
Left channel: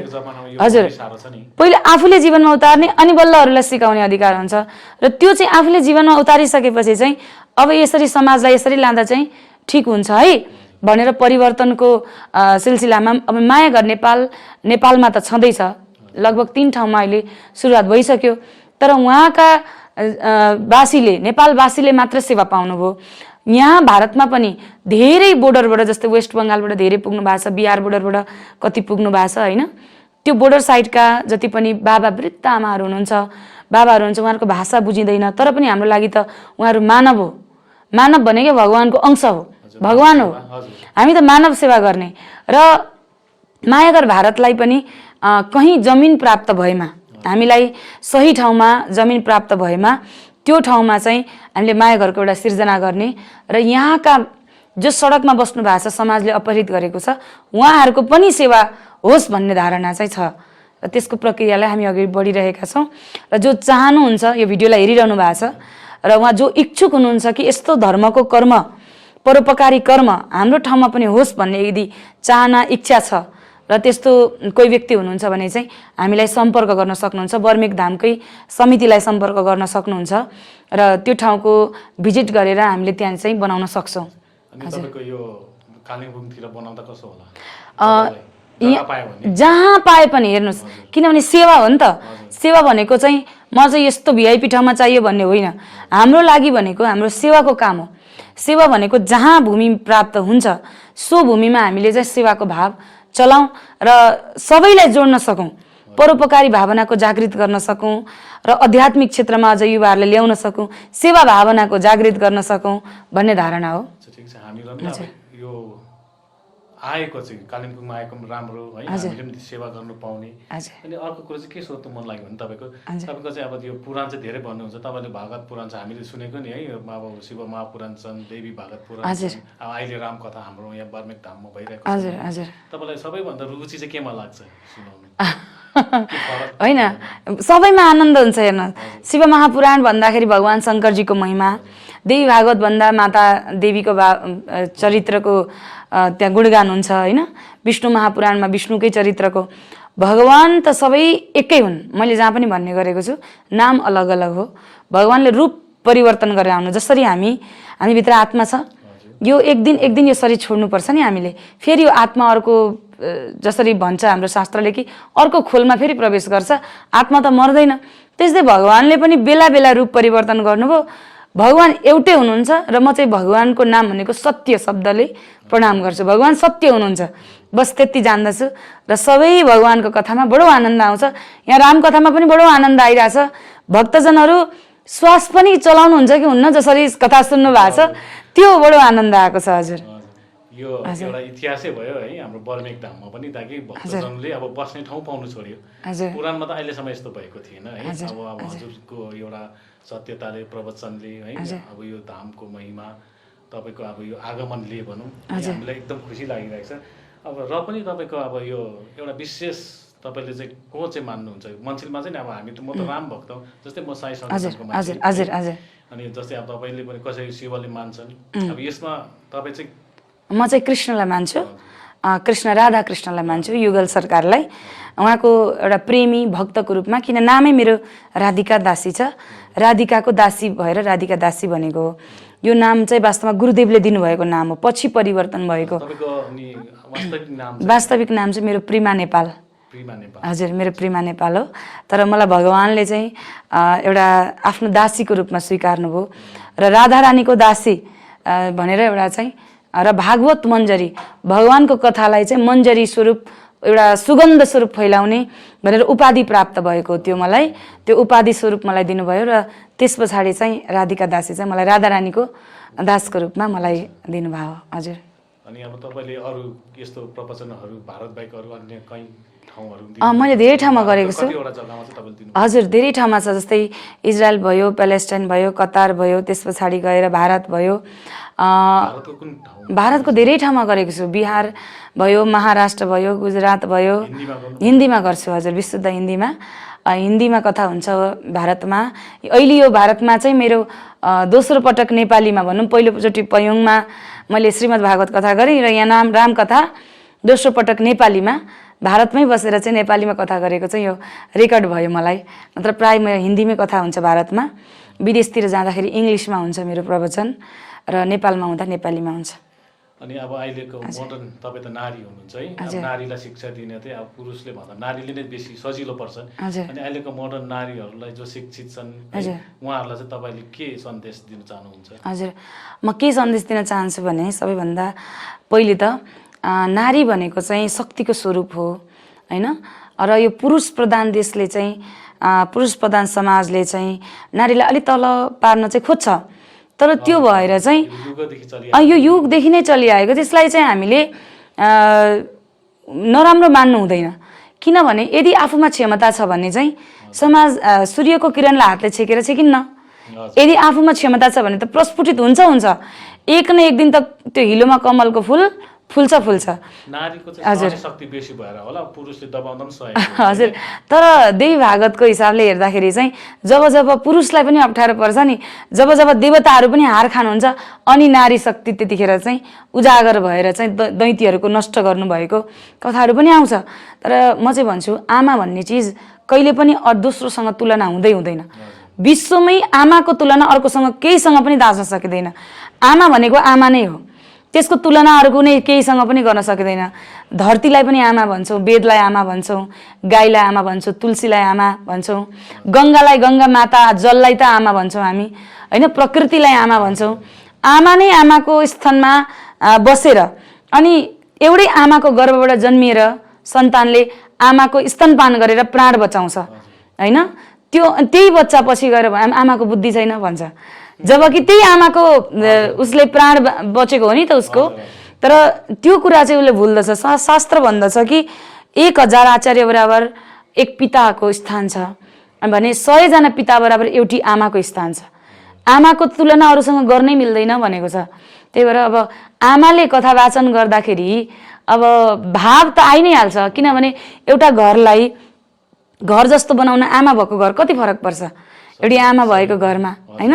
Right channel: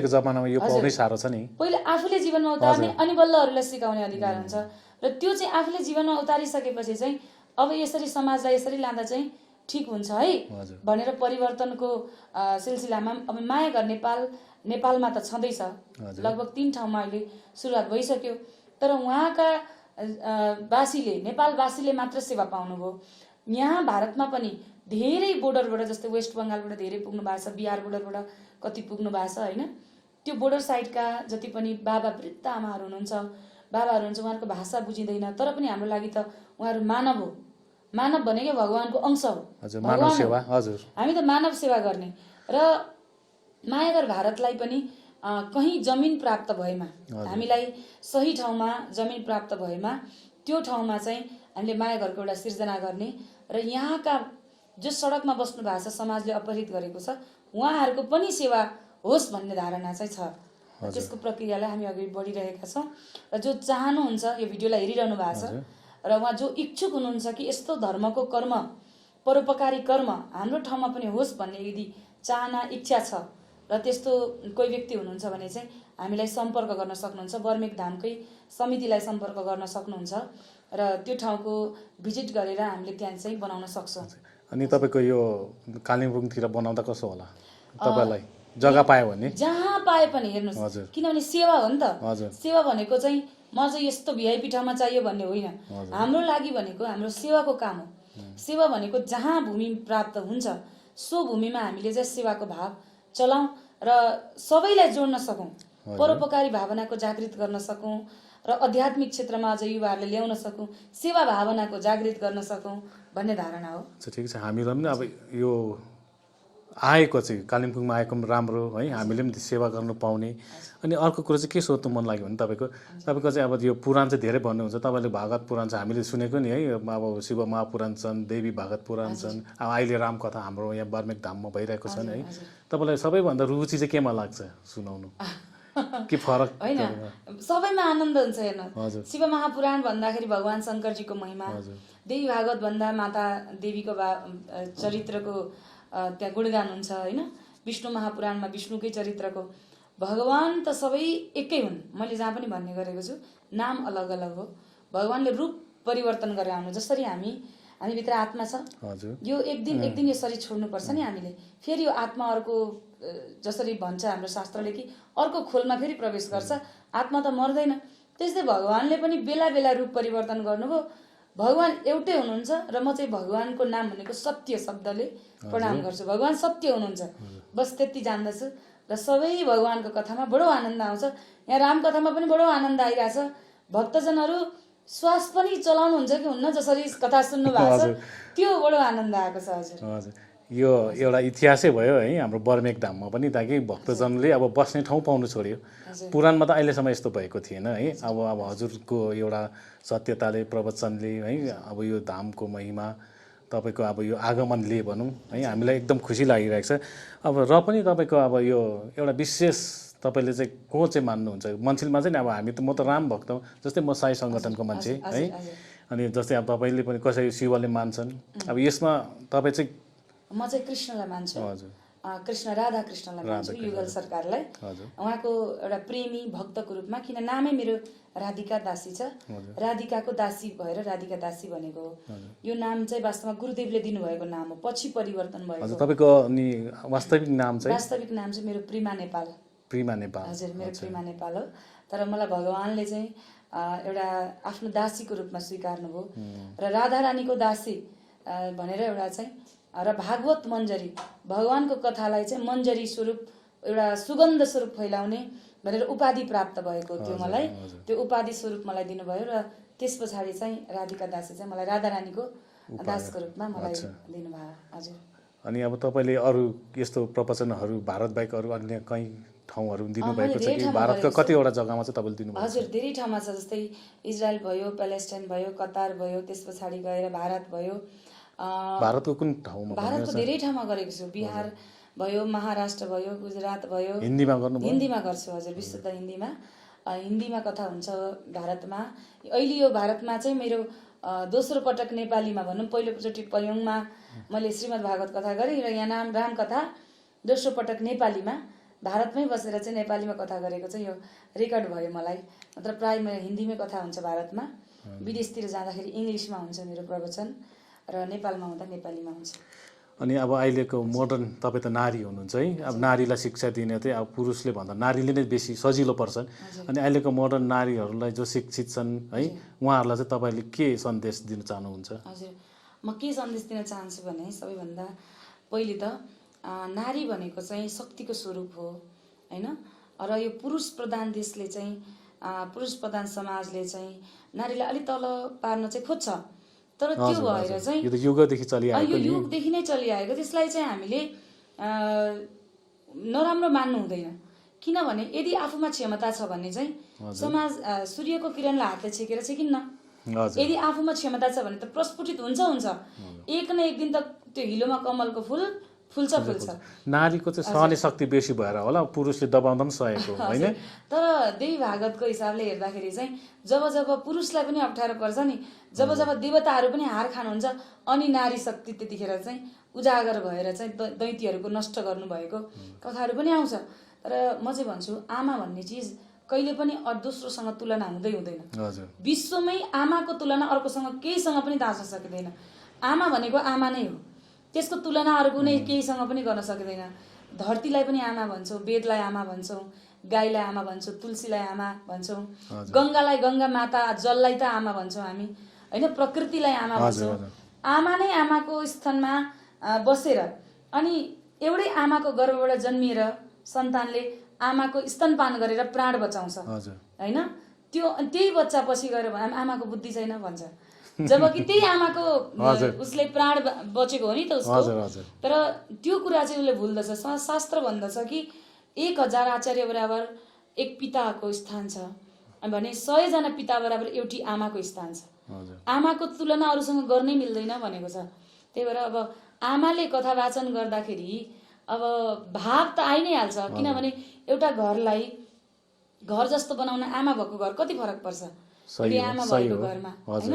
पहिले आफूले जीवनमा उतार्ने अनि बल्ल अरूलाई सिकाउने अधिकार हुन्छ। र त्यो चाहिँ आफूले जीवनमा उतारिसकेपछि चाहिँ अब यसरी समाजलाई यसरी लाँदा चाहिँ ठिक हुन्छ है भनेर परिवर्तनको सिलसिलामा अब मायाघर नेपालमा त छँदैछ, लगभग 3 ठाउँमा अहिले सुरुवात भइसक्यो। तर उहाँका नेपालवासीले मात्र सेवा पाउनुभयो। यहाँ भारतमा पनि धेरै बोर्डरबाट, जस्तै वेस्ट बङ्गालबाट धेरै पुग्नु भएको छ, बिहार बोर्डरबाट कति पुग्नु भएको छ होइन। त्यो बोर्डर साइडका जति पनि बाबा वृद्ध आमाहरू हुनुहुन्छ, बाबाहरू हुन्छ, उहाँहरूको भाषा बुझिँदैन, तर पनि हाम्रो लागि त उहाँहरू मानव हो। मानव भनेकै भगवानको अंश हो, भगवान हो। हामी त मानव सेवा गर्ने। र मायाघर भारतलाई पनि कहीँ जमिन प्राप्त भएमा, हामीलाई सही ठाउँमा जमिन प्राप्त भएमा त्यो ठाउँमा चाहिँ हामीले मायाघरको एउटा सिर्जना गर्ने र यहाँका जो सडकमा बस्नु भएको छ, समाजले अपहरित गरेको छ, उहाँहरूको पनि सेवा होस् भन्ने धारणा चाहिँ छ। र त्यसको प्रक्रियालाई हामी अघि बढिरहेका छौँ। र जो चाहनुहुन्छ यो भिडियोलाई हेरिरहनु भएको छ र उहाँ जो इच्छुक हुनुहुन्छ कि यस्तो धर्मको कर्म, परोपकारी कर्म हाम्रो ठाउँमा पनि होस् भन्ने यदि चाहना, इच्छा छ र त्यस्तो कोही व्यक्ति हुनुहुन्छ भने चाहिँ हामीलाई सम्पर्क गर्न सक्नुहुन्छ। बर्मेक धामकै समितिलाई सम्पर्क गर्न सक्नुहुन्छ र त्यो ठाउँको भिजिट गरेर हामीले त्यहाँ चाहिँ बनाउन सक्छौँ। अनि तपाईँको यो कालिम्पोङतिर बनाउँदा कसो होला? जहाँ पाए पनि हेर्नुहोस्, किनभने सेवा हो नि त। सेवा भनेको चाहिँ म चाहिँ यस्तो भिआइपी ठाउँमा चाहियो भन्ने होइन। हाम्रो लागि भनेको हाम्रो सेवाको काम हो। सेवा भनेको जहाँ भूमि प्राप्त हुन्छ सो भूमिमा हामीले चाहिँ सेवाको भाव चलाउँ र सबैलाई जोड्न सकौँ, परोपकारी भावनाको जागृत गर्न सकौँ र आध्यात्मिक क्षेत्रमा अझ युवाहरूले ल्याउन सकौँ, सेवा भावनाको जागृत गर्न सकौँ भन्ने धारणा हो। ठिक छ, हामीहरू पनि अब यो आएको चाहिँ कालिम्पोङमा आएको पनि राम्रो है, हामीले पनि सेवा गर्नु पाउने। अनि अर्को कुरो चाहिँ के सोध्नु मन लाग्यो भने तपाईँको चाहिँ अब यो पुराण चाहिँ धेरै भन्नुहुन्छ, तपाईँले भागवत पुराण चाहिँ हामीले सुनेको नि है, अब शिव महापुराण छन्, देवी भागवत पुराण छन्, अब अहिले रामकथा हाम्रो यहाँ बर्मेक धाममा भइरहेको छ। तपाईँलाई सबैभन्दा रुचि चाहिँ केमा लाग्छ सुनाउनु? होइन, सबैमा आनन्द हुन्छ। हेर्न, शिव महापुराण भन्दाखेरि भगवान शङ्करजीको महिमा, देवी भागवत भन्दा माता देवीको चरित्रको त्यहाँ गुणगान हुन्छ होइन। विष्णु महापुराणमा विष्णुकै चरित्रको, भगवान त सबै एकै हुन्। मैले जहाँ पनि भन्ने गरेको छु, नाम अलग अलग हो, भगवानले रूप परिवर्तन गरेर आउनु। जसरी हामीभित्र आत्मा छ, यो एक दिन यो शरीर छोड्नुपर्छ नि हामीले, फेरि यो आत्मा अर्को, जसरी भन्छ हाम्रो शास्त्रले कि अर्को खोलमा फेरि प्रवेश गर्छ, आत्मा त मर्दैन। त्यस्तै भगवानले पनि बेला बेला रूप परिवर्तन गर्नुभयो। भगवान एउटै हुनुहुन्छ र म चाहिँ भगवानको नाम भनेको सत्य शब्दले प्रणाम गर्छु। भगवान सत्य हुनुहुन्छ, बस त्यति जान्दछु। र सबै भगवानको कथामा बडो आनन्द आउँछ। यहाँ रामकथामा पनि बडो आनन्द आइरहेछ। भक्तजनहरू श्वास पनि चलाउनुहुन्छ कि हुन्न, जसरी कथा सुन्नु भएको छ, त्यो बडो आनन्द आएको छ। हजुर, यो एउटा इतिहासै भयो है हाम्रो बर्मेक धाममा पनि, ताकि भक्तजनले अब बस्ने ठाउँ पाउनु छोड्यो। पुराणमा त अहिलेसम्म यस्तो भएको थिएन है। अब हजुरको एउटा सत्यताले, प्रवचनले है, अब यो धामको महिमा तपाईँको अब यो आगमनले भनौँ है, हामीलाई एकदम खुसी लागिरहेको छ। अब र पनि तपाईँको अब यो एउटा विशेष तपाईँले चाहिँ को चाहिँ मान्नुहुन्छ मान्छेमा चाहिँ? अब हामी त, म त राम भक्त हौ, जस्तै म साई सङ्गठनको मान्छे, अनि जस्तै अब तपाईँले पनि कसै शिवले मान्छन्, अब यसमा तपाईँ चाहिँ? म चाहिँ कृष्णलाई मान्छु, कृष्ण राधा कृष्णलाई मान्छु, युगल सरकारलाई, उहाँको एउटा प्रेमी भक्तको रूपमा। किन नामै मेरो राधिका दासी छ, राधिकाको दासी भएर राधिका दासी भनेको हो। यो नाम चाहिँ वास्तवमा गुरुदेवले दिनुभएको नाम हो, पछि परिवर्तन भएको। वास्तविक नाम चाहिँ मेरो प्रिमा नेपाल। हजुर, मेरो प्रिमा नेपाल हो। तर मलाई भगवानले चाहिँ एउटा आफ्नो दासीको रूपमा स्वीकार्नुभयो र राधा रानीको दासी भनेर एउटा चाहिँ, र भागवत मञ्जरी, भगवानको कथालाई चाहिँ मञ्जरी स्वरूप, एउटा सुगन्ध स्वरूप फैलाउने भनेर उपाधि प्राप्त भएको थियो मलाई। त्यो उपाधि स्वरूप मलाई दिनुभयो र त्यस पछाडि चाहिँ राधिका दासी चाहिँ मलाई राधा रानीको दासको रूपमा मलाई दिनुभयो। हजुर, अनि अब तपाईँले अरू यस्तो प्रवचनहरू भारत बाहेक अरू अन्य कहीँ ठाउँहरू? मैले धेरै ठाउँमा गरेको छु। कतिवटा जग्गामा चाहिँ तपाईँले दिनु? हजुर, धेरै ठाउँमा छ, जस्तै इजरायल भयो, प्यालेस्टाइन भयो, कतार भयो, त्यस पछाडि गएर भारत भयो। भारतको कुन ठाउँ? भारतको धेरै ठाउँमा गरेको छु। बिहार भयो, महाराष्ट्र भयो, गुजरात भयो। हिन्दीमा गर्छु। हजुर, विशुद्ध हिन्दीमा। हिन्दीमा कथा हुन्छ भारतमा। अहिले यो भारतमा चाहिँ मेरो दोस्रो पटक नेपालीमा भनौँ, पहिलोचोटि पयोङमा मैले श्रीमद् भागवत कथा गरेँ र यहाँ नाम रामकथा दोस्रो पटक नेपालीमा भारतमै बसेर चाहिँ नेपालीमा कथा गरेको चाहिँ यो रेकर्ड भयो मलाई। नत्र प्राय म हिन्दीमै कथा हुन्छ भारतमा, विदेशतिर जाँदाखेरि इङ्ग्लिसमा हुन्छ मेरो प्रवचन र नेपालमा हुँदा नेपालीमा हुन्छ। अनि अब अहिलेको मोडर्न, तपाईँ त नारी हुनुहुन्छ है, अब नारीलाई शिक्षा दिने चाहिँ अब पुरुषले भन्दा नारीले नै बेसी सजिलो पर्छ। अनि अहिलेको मोडर्न नारीहरूलाई जो शिक्षित छन् उहाँहरूलाई चाहिँ तपाईँले के सन्देश दिन चाहनुहुन्छ? हजुर, म के सन्देश दिन चाहन्छु भने, सबैभन्दा पहिले त नारी भनेको चाहिँ शक्तिको स्वरूप हो होइन। र यो पुरुष प्रधान देशले चाहिँ, पुरुष प्रधान समाजले चाहिँ नारीलाई अलिक तल पार्न चाहिँ खोज्छ। तर त्यो भएर चाहिँ यो युगदेखि नै चलिआएको, त्यसलाई चाहिँ हामीले नराम्रो मान्नु हुँदैन। किनभने यदि आफूमा क्षमता छ भने चाहिँ समाज सूर्यको किरणलाई हातले छेकेर छेकिन्न। यदि आफूमा क्षमता छ भने त प्रस्फुटित हुन्छ। एक न एक दिन त त्यो हिलोमा कमलको फुल फुल्छ। नारीको चाहिँ शक्ति बेसी भएर होला, पुरुषले दबाउँदा पनि सहेको। हजुर, तर देवी भागवतको हिसाबले हेर्दाखेरि चाहिँ जब पुरुषलाई पनि अप्ठ्यारो पर्छ नि, जब देवताहरू पनि हार खानुहुन्छ, अनि नारी शक्ति त्यतिखेर चाहिँ उजागर भएर चाहिँ दैत्यहरूको नष्ट गर्नुभएको कथाहरू पनि आउँछ। तर म चाहिँ भन्छु, आमा भन्ने चिज कहिले पनि दोस्रोसँग तुलना हुँदैन। विश्वमै आमाको तुलना अर्कोसँग केहीसँग पनि दाँच्न सकिँदैन। आमा भनेको आमा नै हो, त्यसको तुलना अरू कुनै केहीसँग पनि गर्न सकिँदैन। धरतीलाई पनि आमा भन्छौँ, वेदलाई आमा भन्छौँ, गाईलाई आमा भन्छौँ, तुलसीलाई आमा भन्छौँ, गङ्गालाई गङ्गा माता, जललाई त आमा भन्छौँ हामी होइन, प्रकृतिलाई आमा भन्छौँ। आमा नै आमाको स्थानमा बसेर अनि एउटै आमाको गर्भबाट जन्मिएर सन्तानले आमाको स्तनपान गरेर प्राण बचाउँछ हैन त्यो त्यही बच्चा पछि गएर आमाको बुद्धि छैन भन्छ जबकि त्यही आमाको उसले प्राण बचेको हो नि त उसको तर त्यो कुरा चाहिँ उसले भुल्दछ शास्त्र भन्दछ कि 1000 आचार्य बराबर एक पिताको स्थान छ भने 100 जना पिता बराबर एउटी आमाको स्थान छ आमाको तुलना अरूसँग गर्नै मिल्दैन भनेको छ त्यही भएर अब आमाले कथा वाचन गर्दाखेरि अब भाव त आइ नै हाल्छ किनभने एउटा घरलाई घर जस्तो बनाउन आमा भएको घर कति फरक पर्छ एउटी आमा भएको घरमा हैन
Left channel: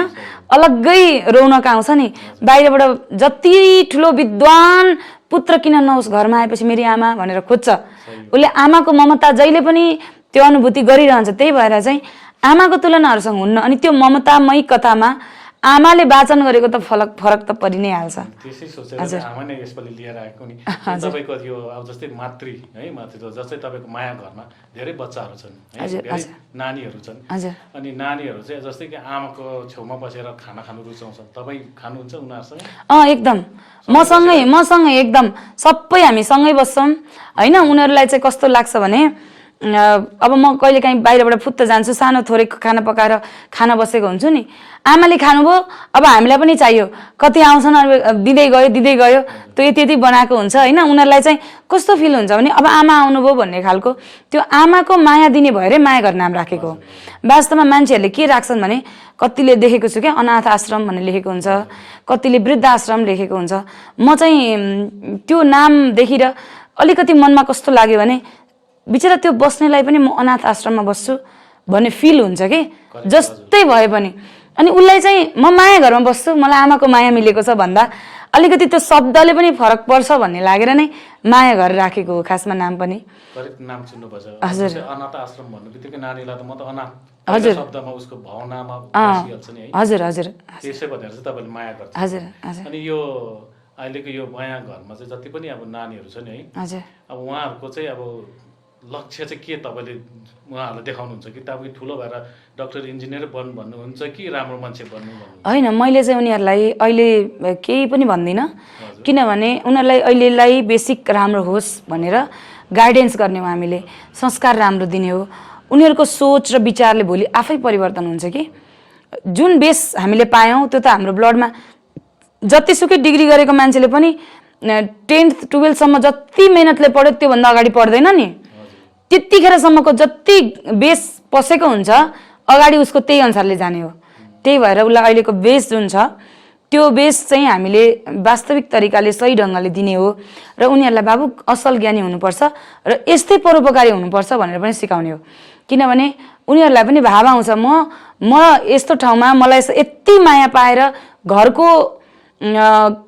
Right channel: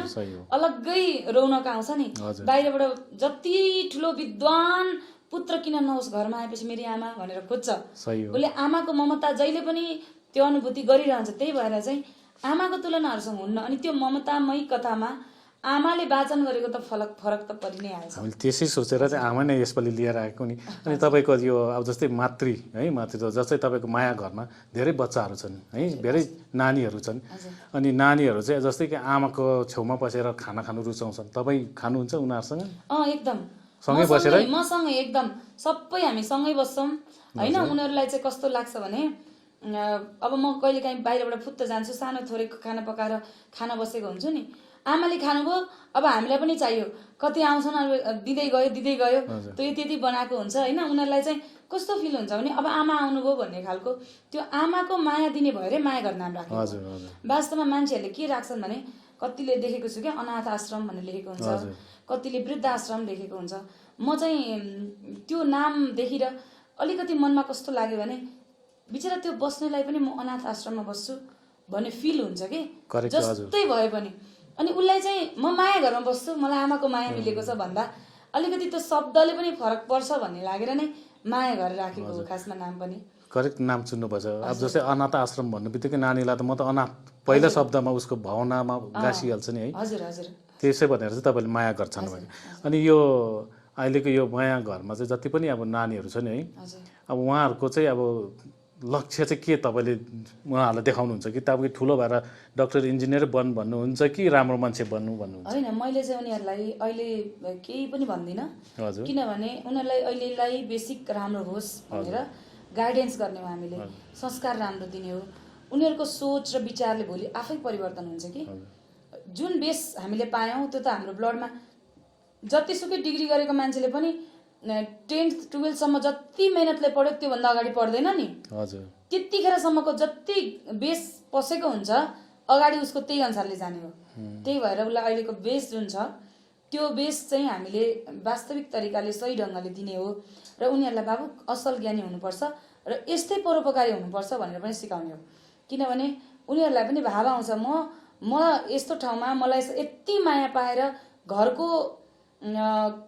अलग्गै रौनक आउँछ नि बाहिरबाट जति ठुलो विद्वान पुत्र किन नहोस् घरमा आएपछि मेरी आमा भनेर खोज्छ उसले आमाको ममता जहिले पनि त्यो अनुभूति गरिरहन्छ त्यही भएर चाहिँ आमाको तुलनाहरुसँग हुन्न अनि त्यो ममतामय कथामा आमाले वाचन गरेको त फरक त परि नै हाल्छ त्यसै सोचेर आमा नै यसपालि लिएर आएको नि तपाईको यो अब जस्तै मातृ जस्तै तपाईको माया घरमा धेरै बच्चाहरु छन् है धेरै नानीहरु छन् अनि नानीहरु चाहिँ जस्तै कि आमाको छेउमा बसेर खाना खानु रुचाउँछन् तपाई खानुहुन्छ उनीहरुसँग एकदम मसँगै एकदम सबै हामी सँगै बस्छौं हैन उनीहरुलाई चाहिँ कस्तो लाग्छ भने अब म कहिले काहीँ बाहिरबाट फुत्त जान्छु सानो थोरै खाना पकाएर खाना बसेको हुन्छु नि आमाले खानुभयो अब हामीलाई पनि चाहियो कति आउँछन् दिदै गयो त्यो यति बनाएको हुन्छ हैन उनीहरुलाई चाहिँ कस्तो फिल हुन्छ भने अब आमा आउनुभयो भन्ने खालको त्यो आमाको माया दिने भएरै माया गर्न नाम राखेको वास्तवमा मान्छेहरुले के राख्छन् भने कतिले देखेको छु के अनाथ आश्रम भन्ने लेखेको हुन्छ कतिले वृद्ध आश्रम लेखेको हुन्छ म चाहिँ त्यो नाम देखेर अलिकति मनमा कस्तो लाग्यो भने बिचरा त्यो बस्नेलाई पनि म अनाथ आश्रममा बस्छु भन्ने फिल हुन्छ के जस्तै भए पनि अनि उलाई चाहिँ म माया घरमा बस्छु मलाई आमाको माया मिलेको छ भन्दा अलिकति त्यो शब्दले पनि फरक पर्छ भन्ने लागेर नै माया घर राखेको हो खासमा नाम पनि करेक्ट नाम चुन्नु पर्छ जस्तै अनाथ आश्रम भन्नुबित्तिकै नानीलाई त म त अनाथ पहिलो शब्दमा उसको भावनामा बसिहाल्छ नि है हजुर त्यसै भनेर चाहिँ तपाईले माया गर्छ अनि यो अहिलेको यो माया घरमा चाहिँ जति पनि अब नानीहरु छ नि है अब उहाँहरुको चाहिँ अब लक्ष्य चाहिँ के तपाईले उहाँहरुलाई देखाउनुहुन्छ कि तपाईँ ठुलो भएर डाक्टर इन्जिनियर भन्नुहुन्छ कि राम्रो मान्छे बन्नु भन्नुहुन्छ हैन मैले चाहिँ उनीहरुलाई अहिले केही पनि भन्दिन किनभने उनीहरुलाई अहिलेलाई बेसिक राम्रो होस् भनेर गाइडेन्स गर्ने हो हामीले संस्कार राम्रो दिने हो उनीहरुको सोच र विचारले भोलि आफै परिवर्तन हुन्छ कि जुन बेस हामीले पायौं त्यो त हाम्रो ब्लडमा जतिसुकै डिग्री गरेको मान्छेले पनि 10th 12th सम्म जति मेहनतले पढ्यो त्यो भन्दा अगाडि पढ्दैन नि त्यतिखेरसम्मको जति बेस पसेको हुन्छ अगाडि उसको त्यही अनुसारले जाने हो त्यही भएर उसलाई अहिलेको बेस जुन छ त्यो बेस चाहिँ हामीले वास्तविक तरिकाले सही ढंगले दिने हो र उनीहरुलाई बाबु असल ज्ञानी हुनुपर्छ र यस्तै परोपकारी हुनुपर्छ भनेर पनि सिकाउने हो किनभने उनीहरुलाई पनि भाव आउँछ म यस्तो ठाउँमा मलाई यति माया पाएर घरको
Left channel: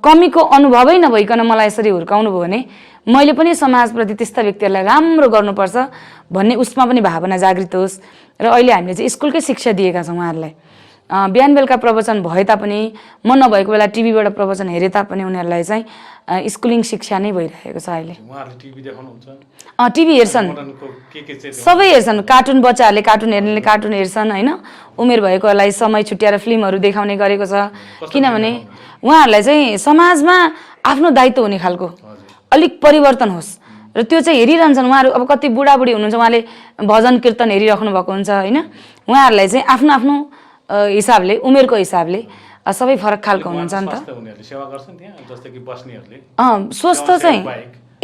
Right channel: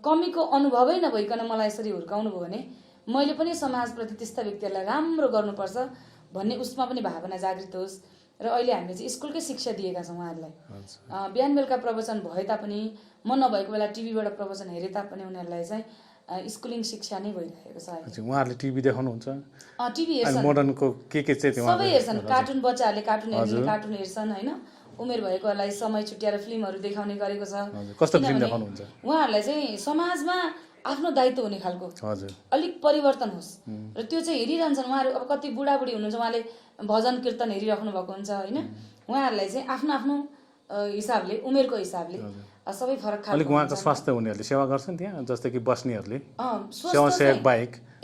कमीको अनुभवै नभइकन मलाई यसरी हुर्काउनु भयो भने मैले पनि समाजप्रति त्यस्ता व्यक्तिहरुलाई राम्रो गर्नुपर्छ भन्ने उसमा पनि भावना जागृत होस् र अहिले हामीले चाहिँ स्कुलकै शिक्षा दिएका छौं उहाँहरुलाई बिहान बेलुका प्रवचन भए तापनि म नभएको बेला टिभीबाट प्रवचन हेरे तापनि उनीहरुलाई चाहिँ स्कुलिङ शिक्षा नै भइरहेको छ अहिले उहाँहरुले टिभी देखाउनुहुन्छ टिभी हेर्छन् सबै हेर्छन् कार्टुन बच्चाहरुले कार्टुन हेर्नेले कार्टुन हेर्छन् हैन उमेर भएकोलाई समय छुट्याएर फिल्महरु देखाउने गरेको छ किनभने उहाँहरुलाई चाहिँ समाजमा आफ्नो दायित्व हुने खालको अलिक परिवर्तन होस् र त्यो चाहिँ हेरिरहन्छन् उहाँहरु अब कति बुढाबुढी हुनुहुन्छ उहाँले भजन कीर्तन हेरिराख्नु भएको हुन्छ हैन उहाँहरुलाई चाहिँ आफ्नो आफ्नो हिसाबले उमेरको हिसाबले सबै फरक खालको हुन्छ नि त उनीहरुले सेवा गर्छन् त्यहाँ जस्तै कि बस्नेहरुले स्वास्थ्य चाहिँ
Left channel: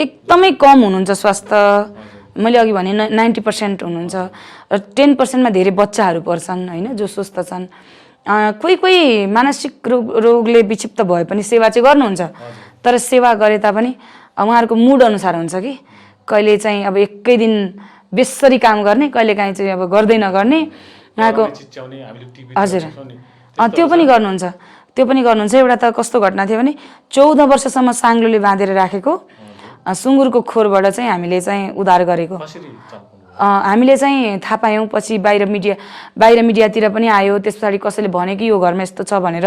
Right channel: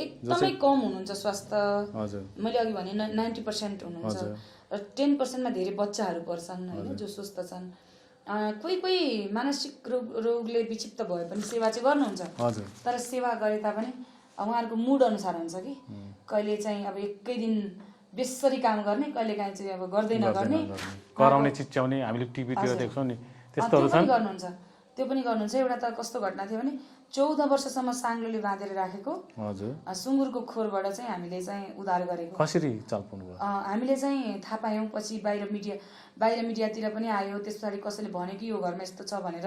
एकदमै कम हुनुहुन्छ स्वास्थ्य मैले अघि भने 90% हुनुहुन्छ र 10% मा धेरै बच्चाहरु पर्छन् हैन जो स्वस्थ छन् कोही मानसिक रोगले विक्षिप्त भए पनि सेवा चाहिँ गर्नुहुन्छ तर सेवा गरे तापनि उहाँहरुको मुड अनुसार हुन्छ कि कहिले चाहिँ अब एकै दिन बेसरी काम गर्ने कहिले काहीँ चाहिँ अब गर्दै नगर्ने उहाँको हजुर त्यो पनि गर्नुहुन्छ एउटा त कस्तो घटना थियो भने 14 वर्षसम्म साङ्लोले बाँधेर राखेको सुँगुरको खोरबाट चाहिँ हामीले चाहिँ उद्धार गरेको हामीले चाहिँ थाहा पायौं पछि बाहिर मिडियातिर पनि आयो त्यसपछि कसैले भने कि यो घरमा यस्तो छ भनेर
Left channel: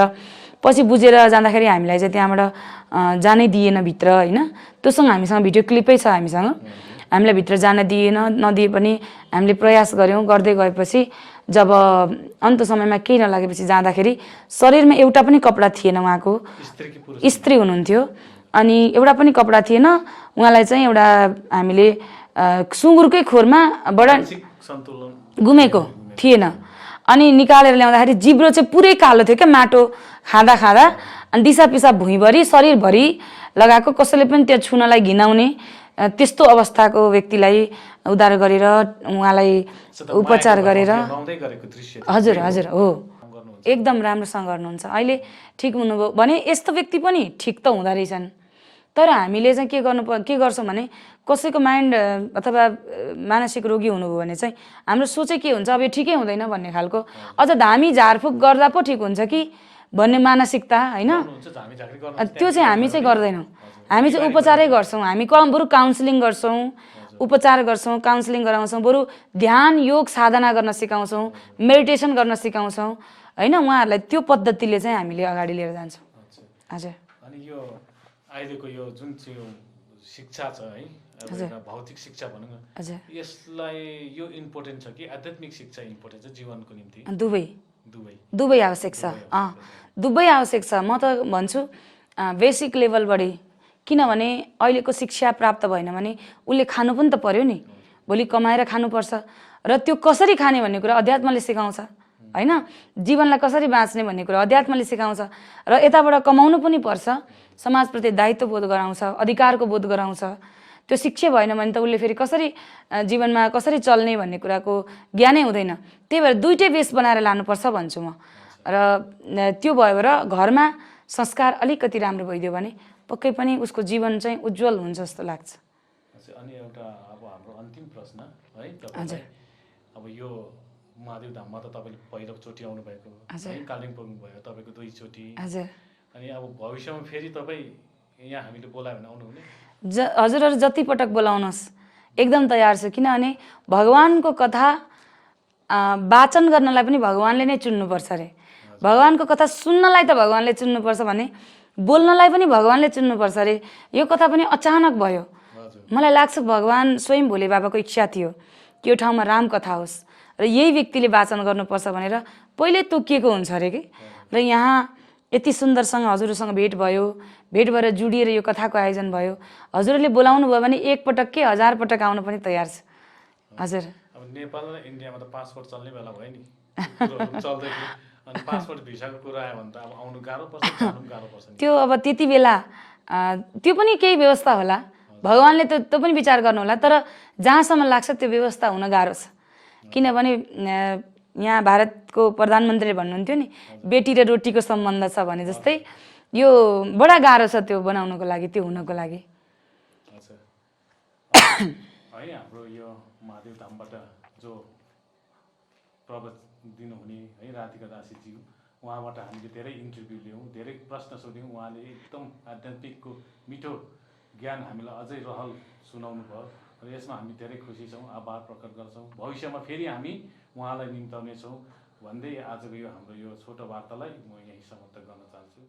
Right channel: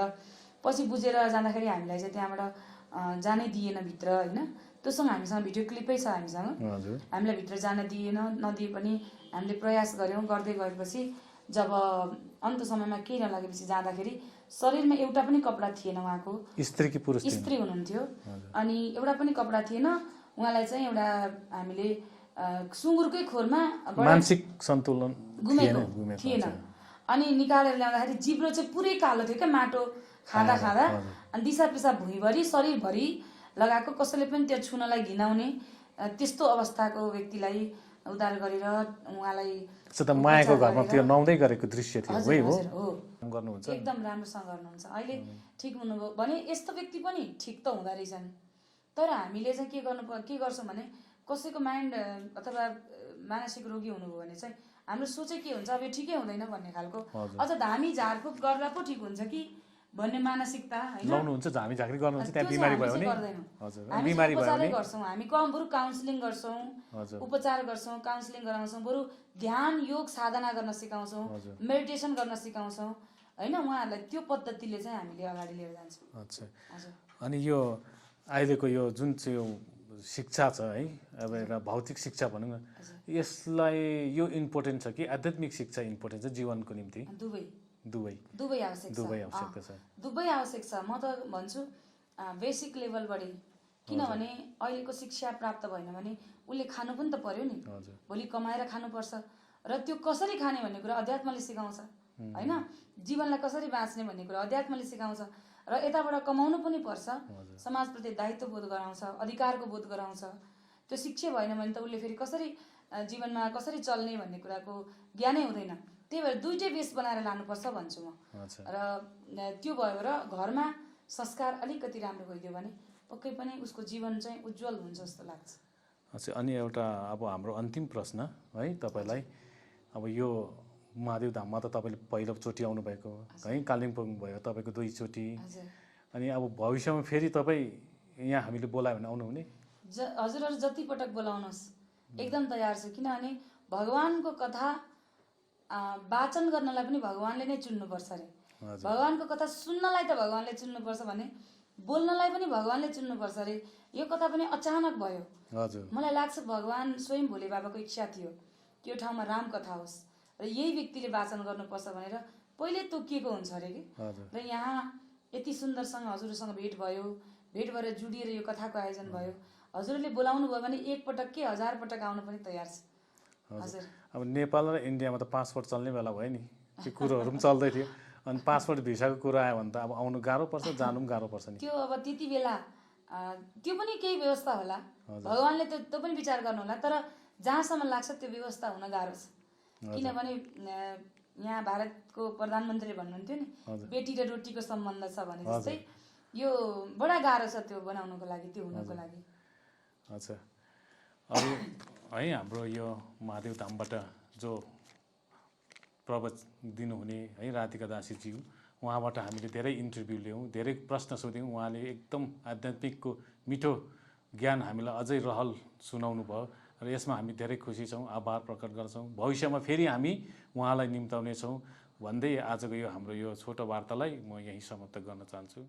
पछि बुझेर जाँदाखेरि हामीलाई चाहिँ त्यहाँबाट जानै दिएन भित्र हैन त्योसँग हामीसँग भिडियो क्लिपै छ हामीसँग हामीलाई भित्र जान दिएन नदिए पनि हामीले प्रयास गर्यौं गर्दै गएपछि जब अन्त समयमा केही नलागेपछि जाँदाखेरि शरीरमा एउटा पनि कपडा थिएन उहाँको, स्त्री हुनुहुन्थ्यो, अनि एउटा पनि कपडा थिएन उहाँलाई चाहिँ एउटा हामीले सुँगुरकै खोरमा सन्तुलन गुमेको थिएन। अनि निकालेर ल्याउँदाखेरि जिब्रो चाहिँ पुरै कालो थियो क्या, माटो खाँदा खाँदा, अनि दिसा पिसाब भुइँभरि शरीरभरि लगाएको, कसैले पनि त्यो छुनलाई घिनाउने त्यस्तो अवस्थाको व्यक्तिलाई उद्धार गरेर उहाँलाई उपचार गरेर हजुर हजुर हो एकदम राम्रोसँग गर्नुहुन्छ। अहिले ठिक हुनुभयो भने यस्तो व्यक्ति पनि ठिक त हुँदो रहेछन्। तर हामीले चाहिँ के गर्छौँ भने कसैको माइन्ड अथवा मानसिक रोगी हुनुभयो भने चाहिँ हाम्रो सोचै के हुन्छ, अब यो ठिकै हुँदैन भन्ने खालको, अझ धामी झारफुक गर्दा पो ठिक हुन्छ कि भन्ने मानसिकता होइन, त्यो चाहिँ हामी चाहिँ गर्दैनौँ। हामी चाहिँ उपचारै गर्छौँ, हामी बरु काउन्सिलिङ गर्छौँ, उपचार गर्छौँ, काउन्सिलिङ गराउँछौँ, बरु ध्यान योग साधना गर्न सिकाउँछौँ, मेडिटेसन गर्न सिकाउँछौँ होइन। उहाँहरूलाई त्यो पद्धतिले चाहिँ हामीले अगाडि लिएर जान्छौँ। हजुर। अनि यो अहिलेको यो जुन चाहिँ शिक्षा छ है, अब एउटा भौतिक शिक्षा भनौँ न, यसलाई यो इम्पोर्टेन्ट छ कि आध्यात्मिक शिक्षा इम्पोर्टेन्ट छ जीवनको निम्ति? दुवै आवश्यक छ। दुवै आवश्यक छ। म त भन्छु बेसिक लेभलबाटै, किनभने अहिलेको शिक्षा प्राप्त भएन भने उसले खानु पनि त पर्यो नि, भोलि कमाएर खानुपर्छ, र त्यो कसरी खाने भन्ने कुरा अध्यात्मले सिकाउँछ होइन। जीवनलाई कसरी बाँच्ने भन्ने कुरा अध्यात्मले सिकाउँछ, र यताबाट कमाउनु पनि पर्छ, समाजप्रति दायित्व बोध गराउँछ, अधिकारको बोध गराउँछ। त्यो शिक्षा भएन भने त उसले फेरि कसरी जीवनमा कसरी चल्ने भन्ने कुराको ज्ञानै हुँदैन। त्यही भएर दुइटै बेस बनाएर लानुपर्छ भन्छु म। र त्यो भयो र घरमा संस्कार अलिकति राम्रो भइदियो भने पक्कै पनि उसको जीवन चाहिँ उज्जवल हुन्छ जस्तो लाग्छ। अनि एउटा अब हाम्रो अन्तिम प्रश्न है तपाईँलाई, अब यो महादेव धाममा त तपाईँले पहिलोचोटि आउनुभएको है, कालिम्पोङ भयो तपाईँको 2 चोटि, अनि अब भविष्यमा फेरि तपाईँ यहाँ हामीले बोलायो भने आउनुहुने? हजुरहरू जति पटक बोलाउनुहोस् एकदम तयार छु, किनभने भगवानको कथा वाचन गर्नलाई पनि भगवानले नै चुन्नुपर्छ अरे। भगवानको कथा सुन्नलाई त भगवानले चुन्नुपर्छ भने बोल्नलाई पनि भगवानले चुन्नुपर्छ अरे। यो कथा पनि अचानक भयो। मलाई लाग्छ भगवान स्वयं भोले बाबाको इच्छा थियो कि यो ठाउँमा राम कथा होस् र यही व्यक्तिले वाचन गर्नुपर्छ भनेर पहिले तोकिएको हुन्छ अरे कि। र यहाँ यति सुन्दरसँग हजुरसँग भेट भयो, भेट भएर जुडिएर यो कथाको आयोजन भयो। हजुरले बोलाउनु भयो भने 1 पटक के 1000 पटक आउन पनि तयार छु। हजुर। अब नेपाल र इन्डियामा त पासपोर्ट चल्ने बेला भयो नि, कुरोहरू चल्दै थियो, अनि पासपोर्ट भिसाको कुरा आयो भने त अब आउनु गाह्रो पर्छ, जानु पनि गाह्रो पर्छ नि। त्यो अब त्यति बेला त्यो पनि केही व्यवस्था होला, भगवानले त्यो पनि विचार गर्नु होला। तर जहाँसम्म लाग्छ त्यो व्यवस्था हुन गाह्रो छ, किनभने यहाँ भारतको प्रधानमन्त्रीले भन्नुहुन्थ्यो नि बेटी र रोटीको सम्बन्ध छ भने जस्तै यो बडा गाह्रो छ त्यो बनाउनको लागि, त्यो हुनको लागि। अच्छा है, हाम्रो यो महादेव धामबाट जो प्रवचन दिनुहुने है राधिका दासीज्यू, उहाँबाट हामीले धेरै इन्टरभ्यू लियौँ, धेरै प्रश्न सोध्यौँ। उहाँले एकदम आध्यात्मिकको मिठो ज्ञान हामीलाई अझै रहल सुनाउनु भयो, र यसमा हामी धेरै खुसी छौँ, आभार प्रकट गर्छौँ। भविष्यमा फेरि हामी उहाँलाई निम्ताउनेछौँ भन्दै आजको यो हाम्रो यो छोटो वार्तालाई म यहीँ समाप्त गर्न चाहन्छु।